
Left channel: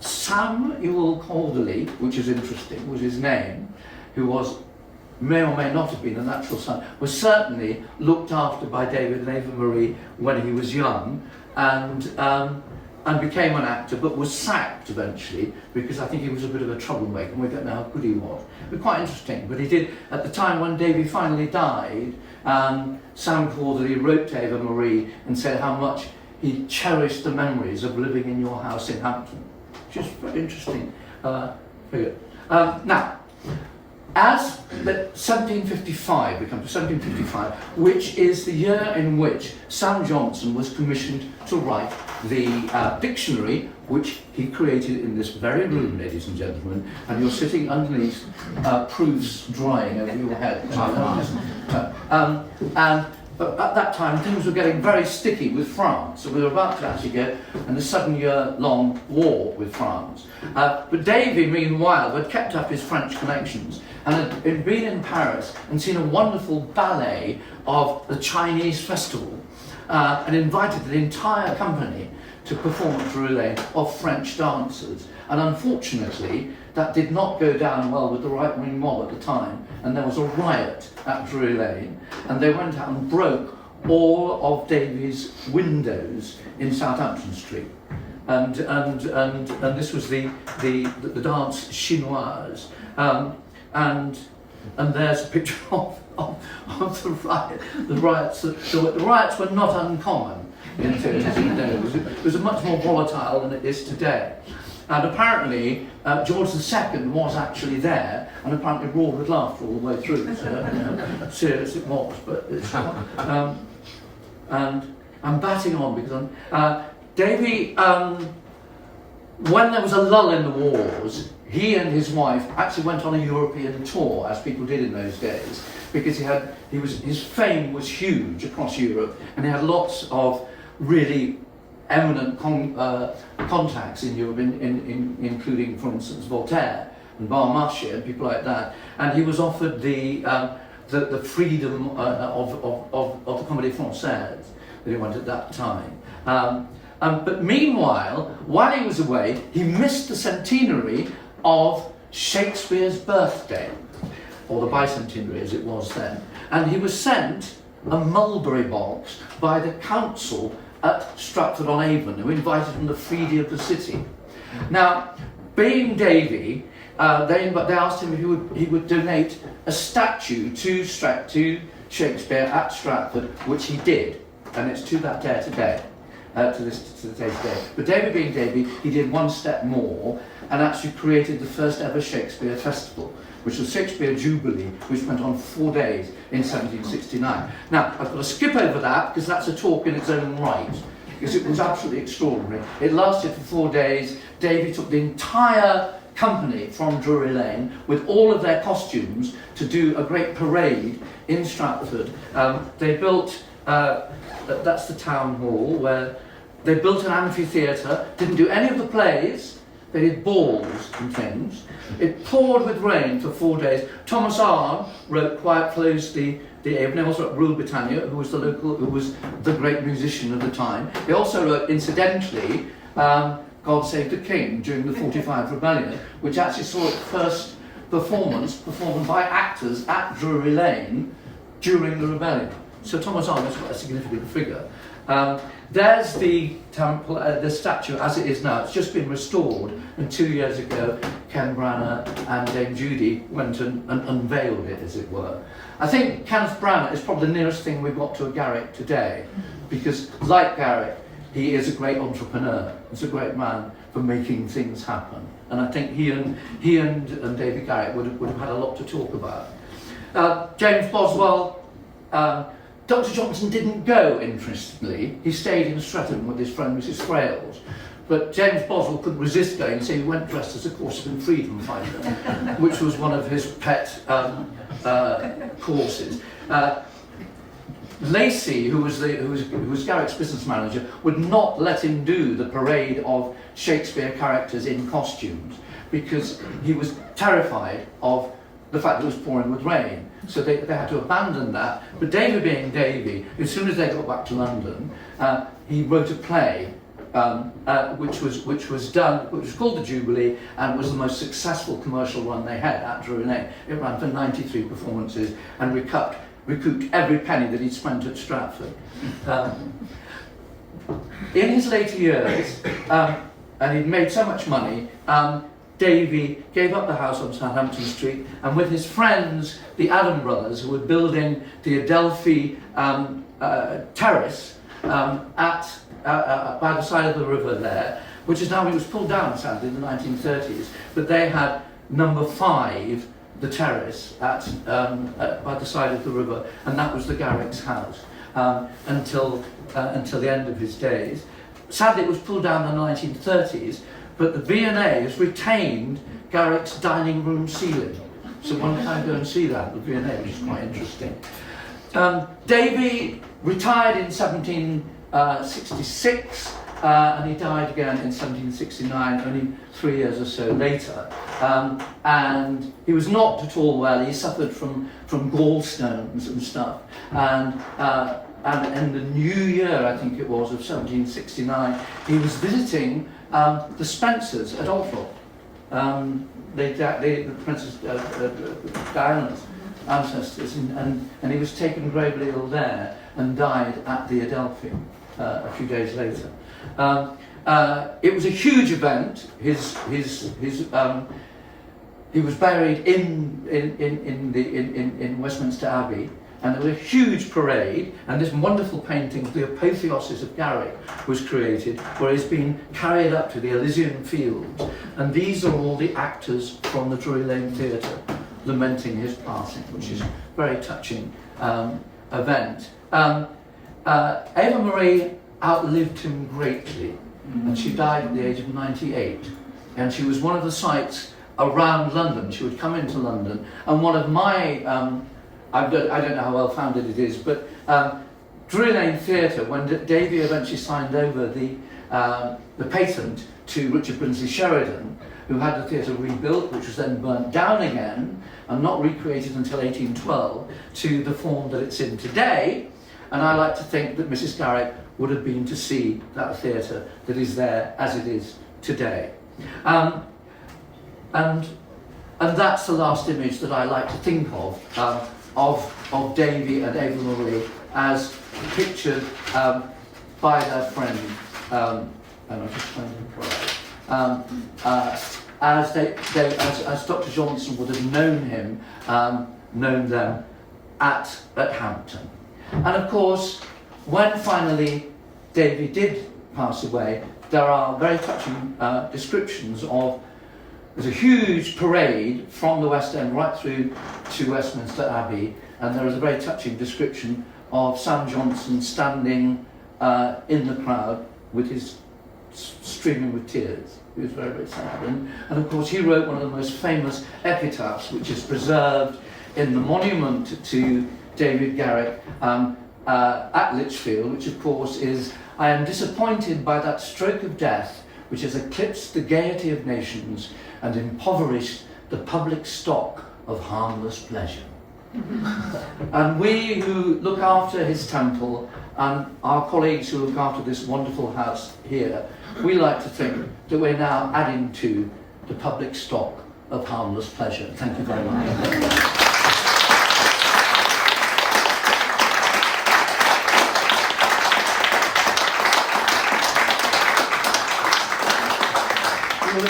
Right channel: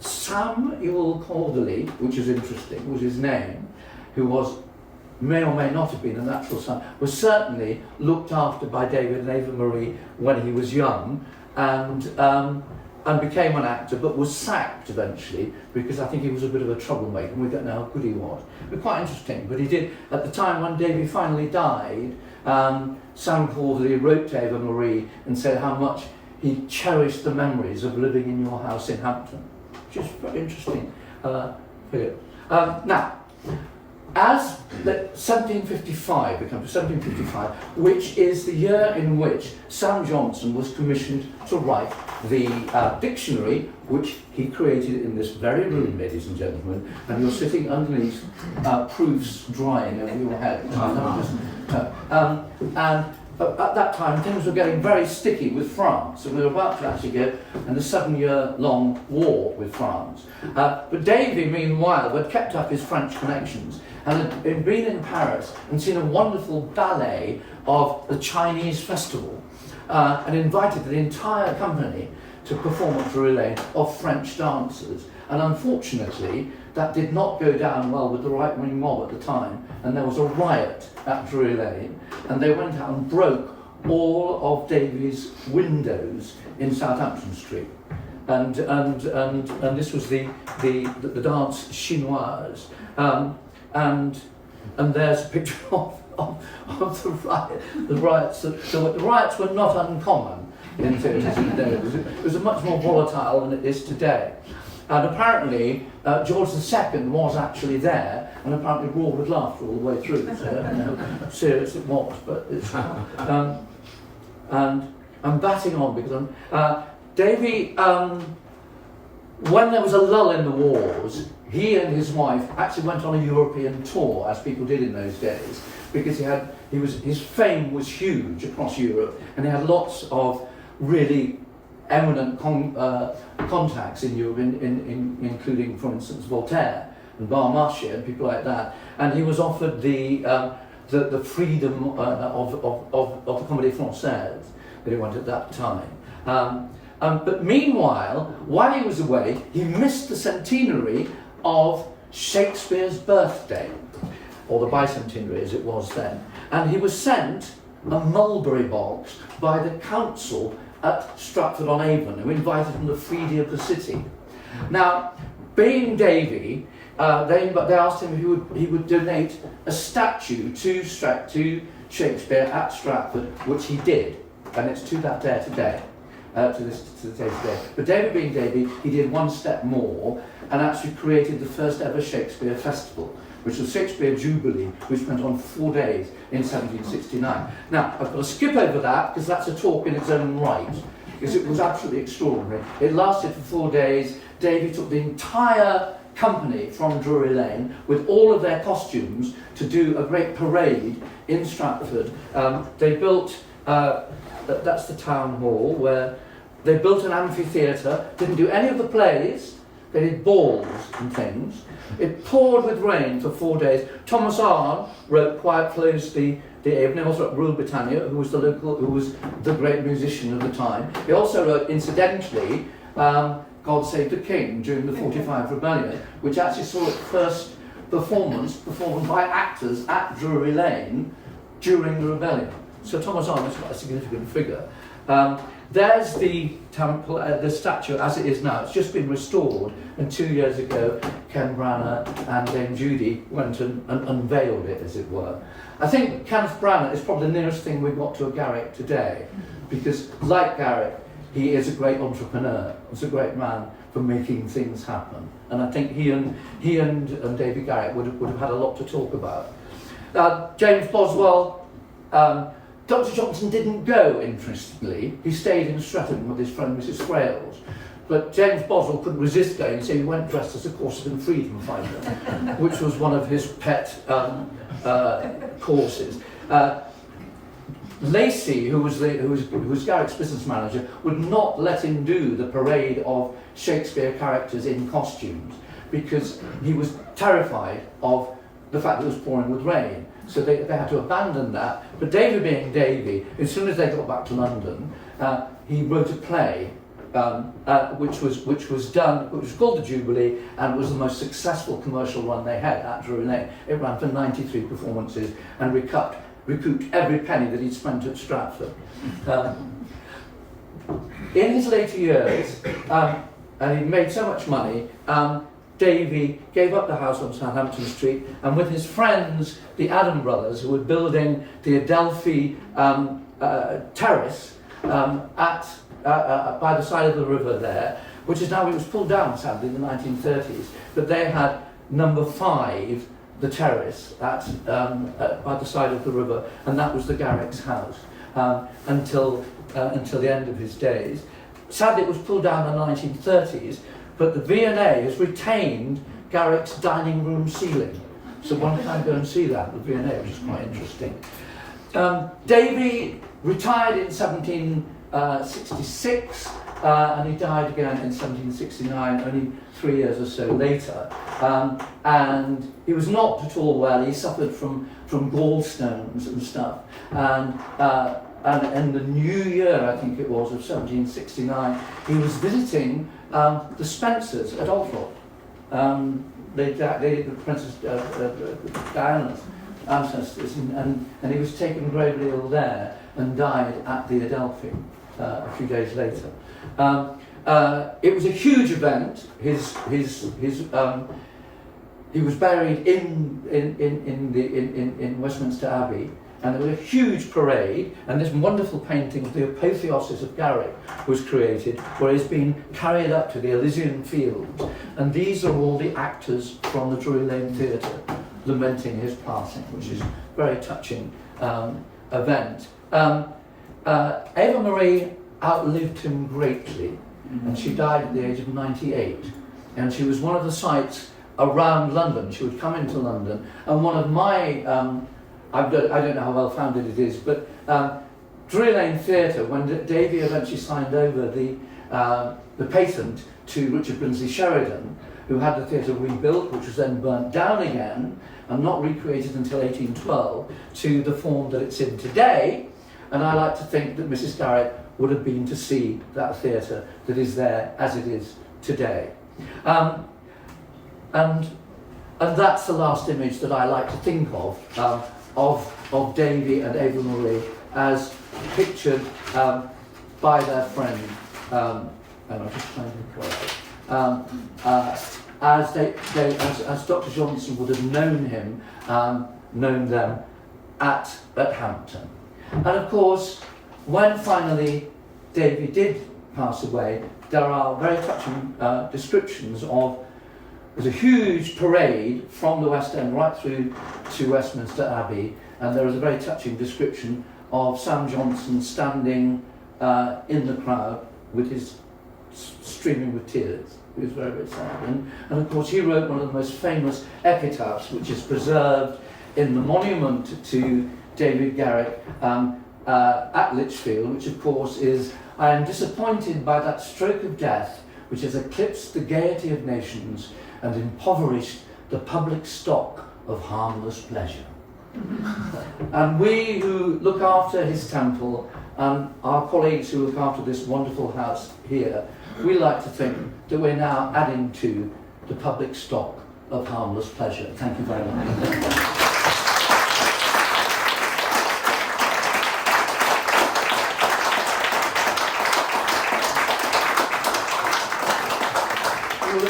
Samuel Corderley, which is interesting, was his name, who may or may not have been a natural son, was certainly looked after by David and Ava Marie when he was young, and became an actor, but was sacked eventually because I think he was a bit of a troublemaker, and we don't know how good he was. But quite interesting. But he did, at the time when Davy finally died, Sam Corderley wrote to Ava Marie and said how much he cherished the memories of living in your house in Hampton. Just very interesting figure. Now, as 1755 becomes 1755, which is the year in which Sam Johnson was commissioned to write the dictionary, which he created in this very room, ladies and gentlemen, and you're sitting underneath proofs drying over your head. And at that time, things were getting very sticky with France, and we were about to actually get in a 7-year-long war with France. But Davy, meanwhile, had kept up his French connections and had been in Paris and seen a wonderful ballet of the Chinese festival, and invited the entire company to perform at Drury Lane of French dancers. And unfortunately, that did not go down well with the right-wing mob at the time, and there was a riot at Drury Lane, and they went out and broke all of Davy's windows in Southampton Street. And this was the dance chinoise. And there's a picture of the riot. The riots were not uncommon in theatres in the day. It was much more volatile than it is today. And apparently, George II was actually there, and apparently roared with laughter all the way through. So, serious it was, but it's and I'm batting on because Davy, when there was a lull in the wars, he and his wife actually went on a European tour, as people did in those days, because his fame was huge across Europe, and he had lots of really eminent contacts in Europe, including, for instance, Voltaire and Barmarché and people like that. And he was offered the freedom of the Comédie Française that he wanted at that time. But meanwhile, while he was away, he missed the centenary of Shakespeare's birthday, or the bicentenary as it was then. And he was sent a mulberry box by the council at Stratford-on-Avon, who invited him to the feeding of the city. Now, being Davy, they asked him if he would donate a statue to Shakespeare at Stratford, which he did, and it's to that day today. To the day today. But Davy being Davy, he did one step more and actually created the first ever Shakespeare festival, which was Shakespeare Jubilee, which went on 4 days in 1769. Now, I've got to skip over that because that's a talk in its own right. because it was absolutely extraordinary. It lasted for 4 days. Davy took the entire company from Drury Lane with all of their costumes to do a great parade in Stratford. They built, that's the town hall, where they built an amphitheatre, didn't do any of the plays, they did balls and things. It poured with rain for 4 days. Thomas Arne wrote Quiet Flows the Avon. He also wrote Rule Britannia, who was the great musician of the time. He also wrote, incidentally, God Save the King during the 45 Rebellion, which actually saw its first performed by actors at Drury Lane during the rebellion. So Thomas Arne was quite a significant figure. There's the temple, the statue as it is now. It's just been restored, and 2 years ago, Ken Branagh and Dame Judy went and unveiled it, as it were. I think Kenneth Branagh is probably the nearest thing we've got to a Garrick today, because like Garrick, he is a great entrepreneur. He's a great man for making things happen. And I think he and David Garrick would have had a lot to talk about. James Boswell, Dr. Johnson didn't go, interestingly. He stayed in Streatham with his friend Mrs. Frales. But James Boswell couldn't resist going, so he went dressed as a Corsican freedom fighter, which was one of his pet courses. Lacey, who was Garrick's business manager, would not let him do the parade of Shakespeare characters in costumes because he was terrified of the fact that it was pouring with rain. So they had to abandon that. But Davy being Davy, as soon as they got back to London, he wrote a play which was called The Jubilee, and was the most successful commercial run they had at Drury Lane. It ran for 93 performances and recouped every penny that he'd spent at Stratford. In his later years, and he'd made so much money, Davy gave up the house on Southampton Street, and with his friends, the Adam brothers, who were building the Adelphi terrace by the side of the river there, which is now, it was pulled down sadly in the 1930s, but they had number 5, the terrace by the side of the river, and that was the Garrick's house until the end of his days. Sadly, it was pulled down in the 1930s, but the V&A has retained Garrick's dining room ceiling, so one can go and see that, the V&A, which is quite interesting. Davy retired in 1766, and he died again in 1769, only 3 years or so later. And he was not at all well. He suffered from gallstones and stuff. And in the new year, I think it was, of 1769, he was visiting the Spencers at Althorp. The Princess Diana's ancestors, and he was taken gravely ill there and died at the Adelphi a few days later. It was a huge event. He was buried in Westminster Abbey, and there was a huge parade, and this wonderful painting of the apotheosis of Garrick was created, where he's been carried up to the Elysian Fields, and these are all the actors from the Drury Lane Theatre lamenting his passing, which is a very touching event. Ava Marie outlived him greatly, and she died at the age of 98, and she was one of the sights around London. She would come into London, and one of my I don't know how well founded it is, but Drury Lane Theatre, when Davy eventually signed over the patent to Richard Brinsley Sheridan, who had the theatre rebuilt, which was then burnt down again and not recreated until 1812 to the form that it's in today. And I like to think that Mrs. Garrick would have been to see that theatre that is there as it is today. And that's the last image that I like to think of Davy and Ava Marie as pictured by their friend, and I'm just trying to as Dr. Johnson would have known them at Hampton. And of course, when finally Davy did pass away, there are very touching descriptions of, there's a huge parade from the West End right through to Westminster Abbey, and there is a very touching description of Sam Johnson standing in the crowd with his streaming with tears. He was very, very sad. And of course, he wrote one of the most famous epitaphs, which is preserved in the monument to David Garrick at Lichfield, which of course is, "I am disappointed by that stroke of death which has eclipsed the gaiety of nations and impoverished the public stock of harmless pleasure." And we who look after his temple and our colleagues who look after this wonderful house here, we like to think that we're now adding to the public stock of harmless pleasure. Thank you very much.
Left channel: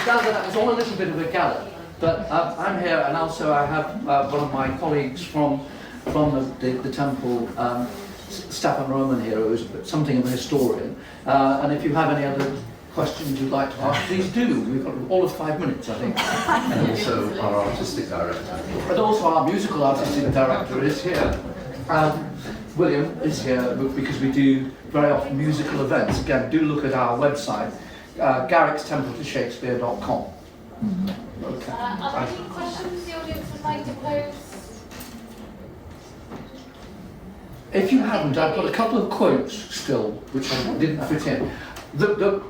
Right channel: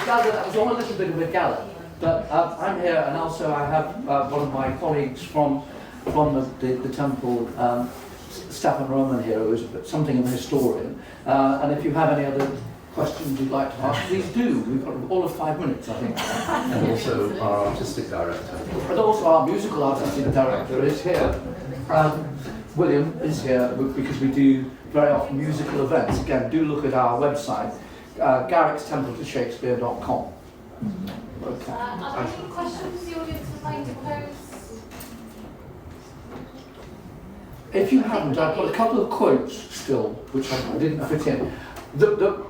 That was all a little bit of a gallop, but I'm here, and also I have one of my colleagues from the temple, Staffordshire Roman here, who is something of a historian. And if you have any other questions you'd like to ask, please do. We've got all of 5 minutes, I think. And also our artistic director. And also our musical artistic director is here. William is here because we do very often musical events. Again, do look at our website, garrickstempletashakespeare.com. Okay. Are there any questions the audience would like to pose? If you haven't, I've got a couple of quotes still, which I didn't fit in. The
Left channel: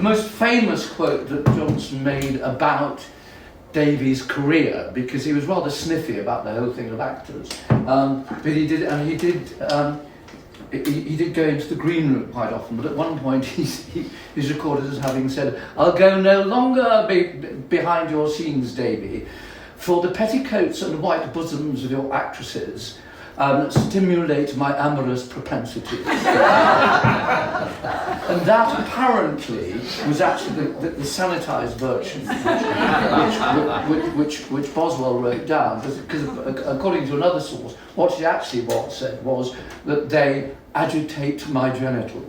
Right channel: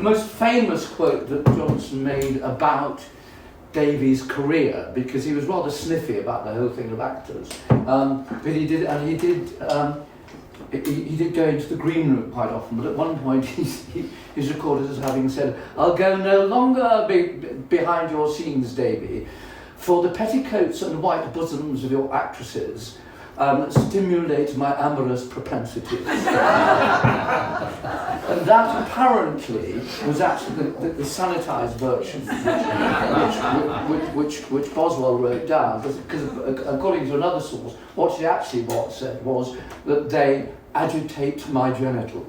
most famous quote that Johnson made about Davy's career, because he was rather sniffy about the whole thing of actors, but he did go into the green room quite often, but at one point he's recorded as having said, "I'll go no longer behind your scenes, Davy, for the petticoats and white bosoms of your actresses stimulate my amorous propensities." And that apparently was actually the sanitised version, which Boswell wrote down, because according to another source, what she actually said was that they agitate my genitals.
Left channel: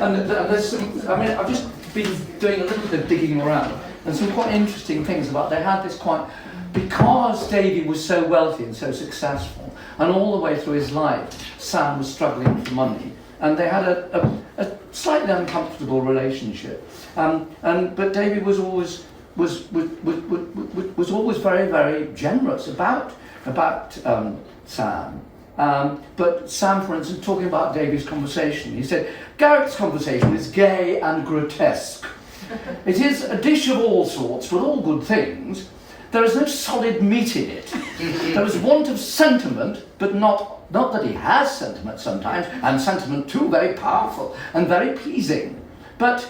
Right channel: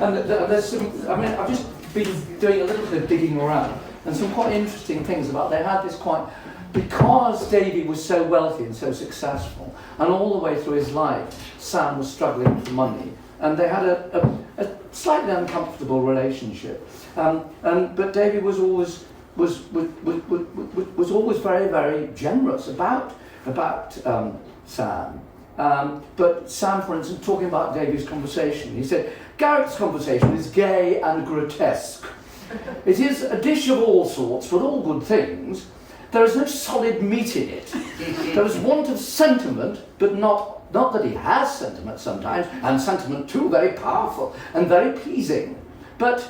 And there's some, I mean, I've just been doing a little bit of digging around, and some quite interesting things about, they had this quite, because Davy was so wealthy and so successful, and all the way through his life, Sam was struggling for money, and they had a slightly uncomfortable relationship. But Davy was always very, very generous about Sam. But Sam, for instance, talking about Davy's conversation, he said, "Garrick's conversation is gay and grotesque. It is a dish of all sorts, but all good things. There is no solid meat in it. There is want of sentiment, but not that he has sentiment sometimes, and sentiment too very powerful and very pleasing. But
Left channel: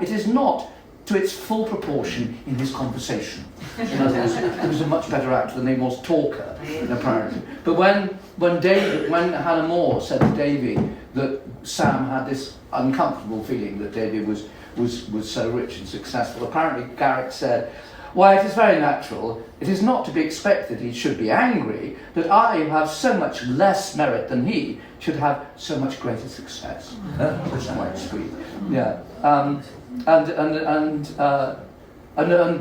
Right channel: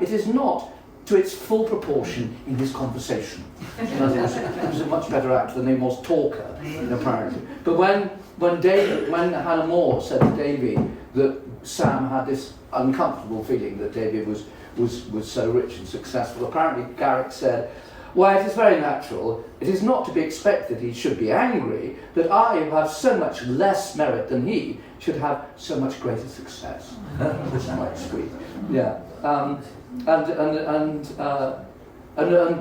it is not to its full proportion in his conversation." In other words, he was a much better actor than he was talker, apparently. But when Hannah More said to Davy that Sam had this uncomfortable feeling that Davy was so rich and successful, apparently Garrick said, "Why, it is very natural. It is not to be expected he should be angry that I, who have so much less merit than he, should have so much greater success." Which is quite sweet. Yeah. And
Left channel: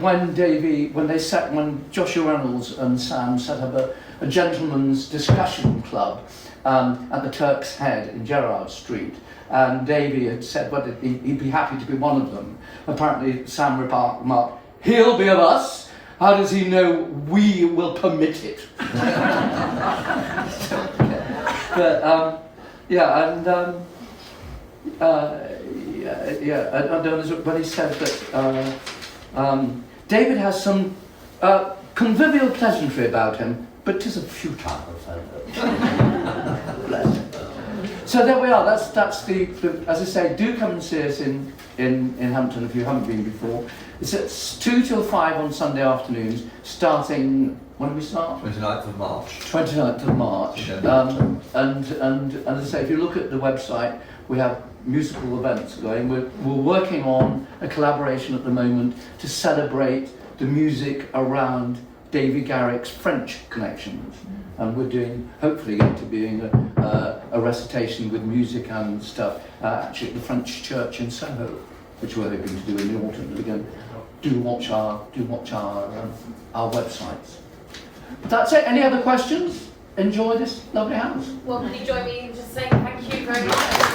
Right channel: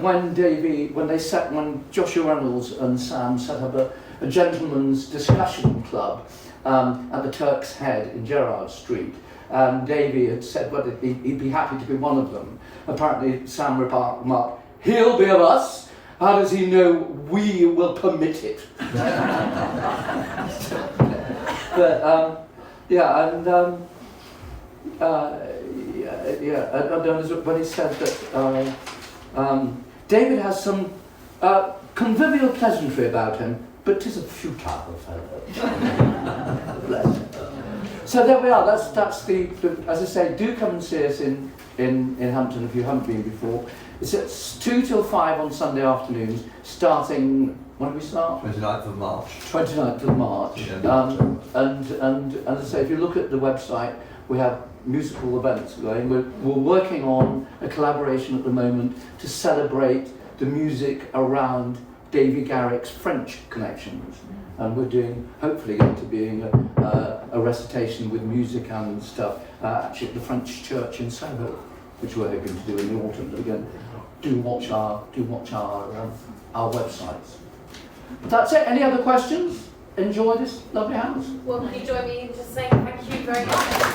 when Joshua Reynolds and Sam set up a gentleman's discussion club at the Turk's Head in Gerrard Street, and Davy had said whether he'd be happy to be one of them. Apparently Sam remarked, "He'll be of us. How does he know we will permit it?" But when he said that David has some convivial pleasantry about him, but 'tis a futile fellow. Bless him. So there we are. That's the as I say, do come and see us in Hampton if you haven't been before. It's at 2 till 5 on Sunday afternoons, starting, when do we start? 29th of March. 29th of March. Yeah. And as I say, if you look at the website, we have musical events going. We're working on a collaboration at the moment to celebrate the music around Davy Garrick's French connections. And we're hopefully going to be doing a recitation with music and stuff, actually at the French church in Soho, which we're hoping to do in the autumn. But again, do watch our websites. But that's it. Any other questions? Enjoy this lovely house. Well, can you join me in just saying thank you very much.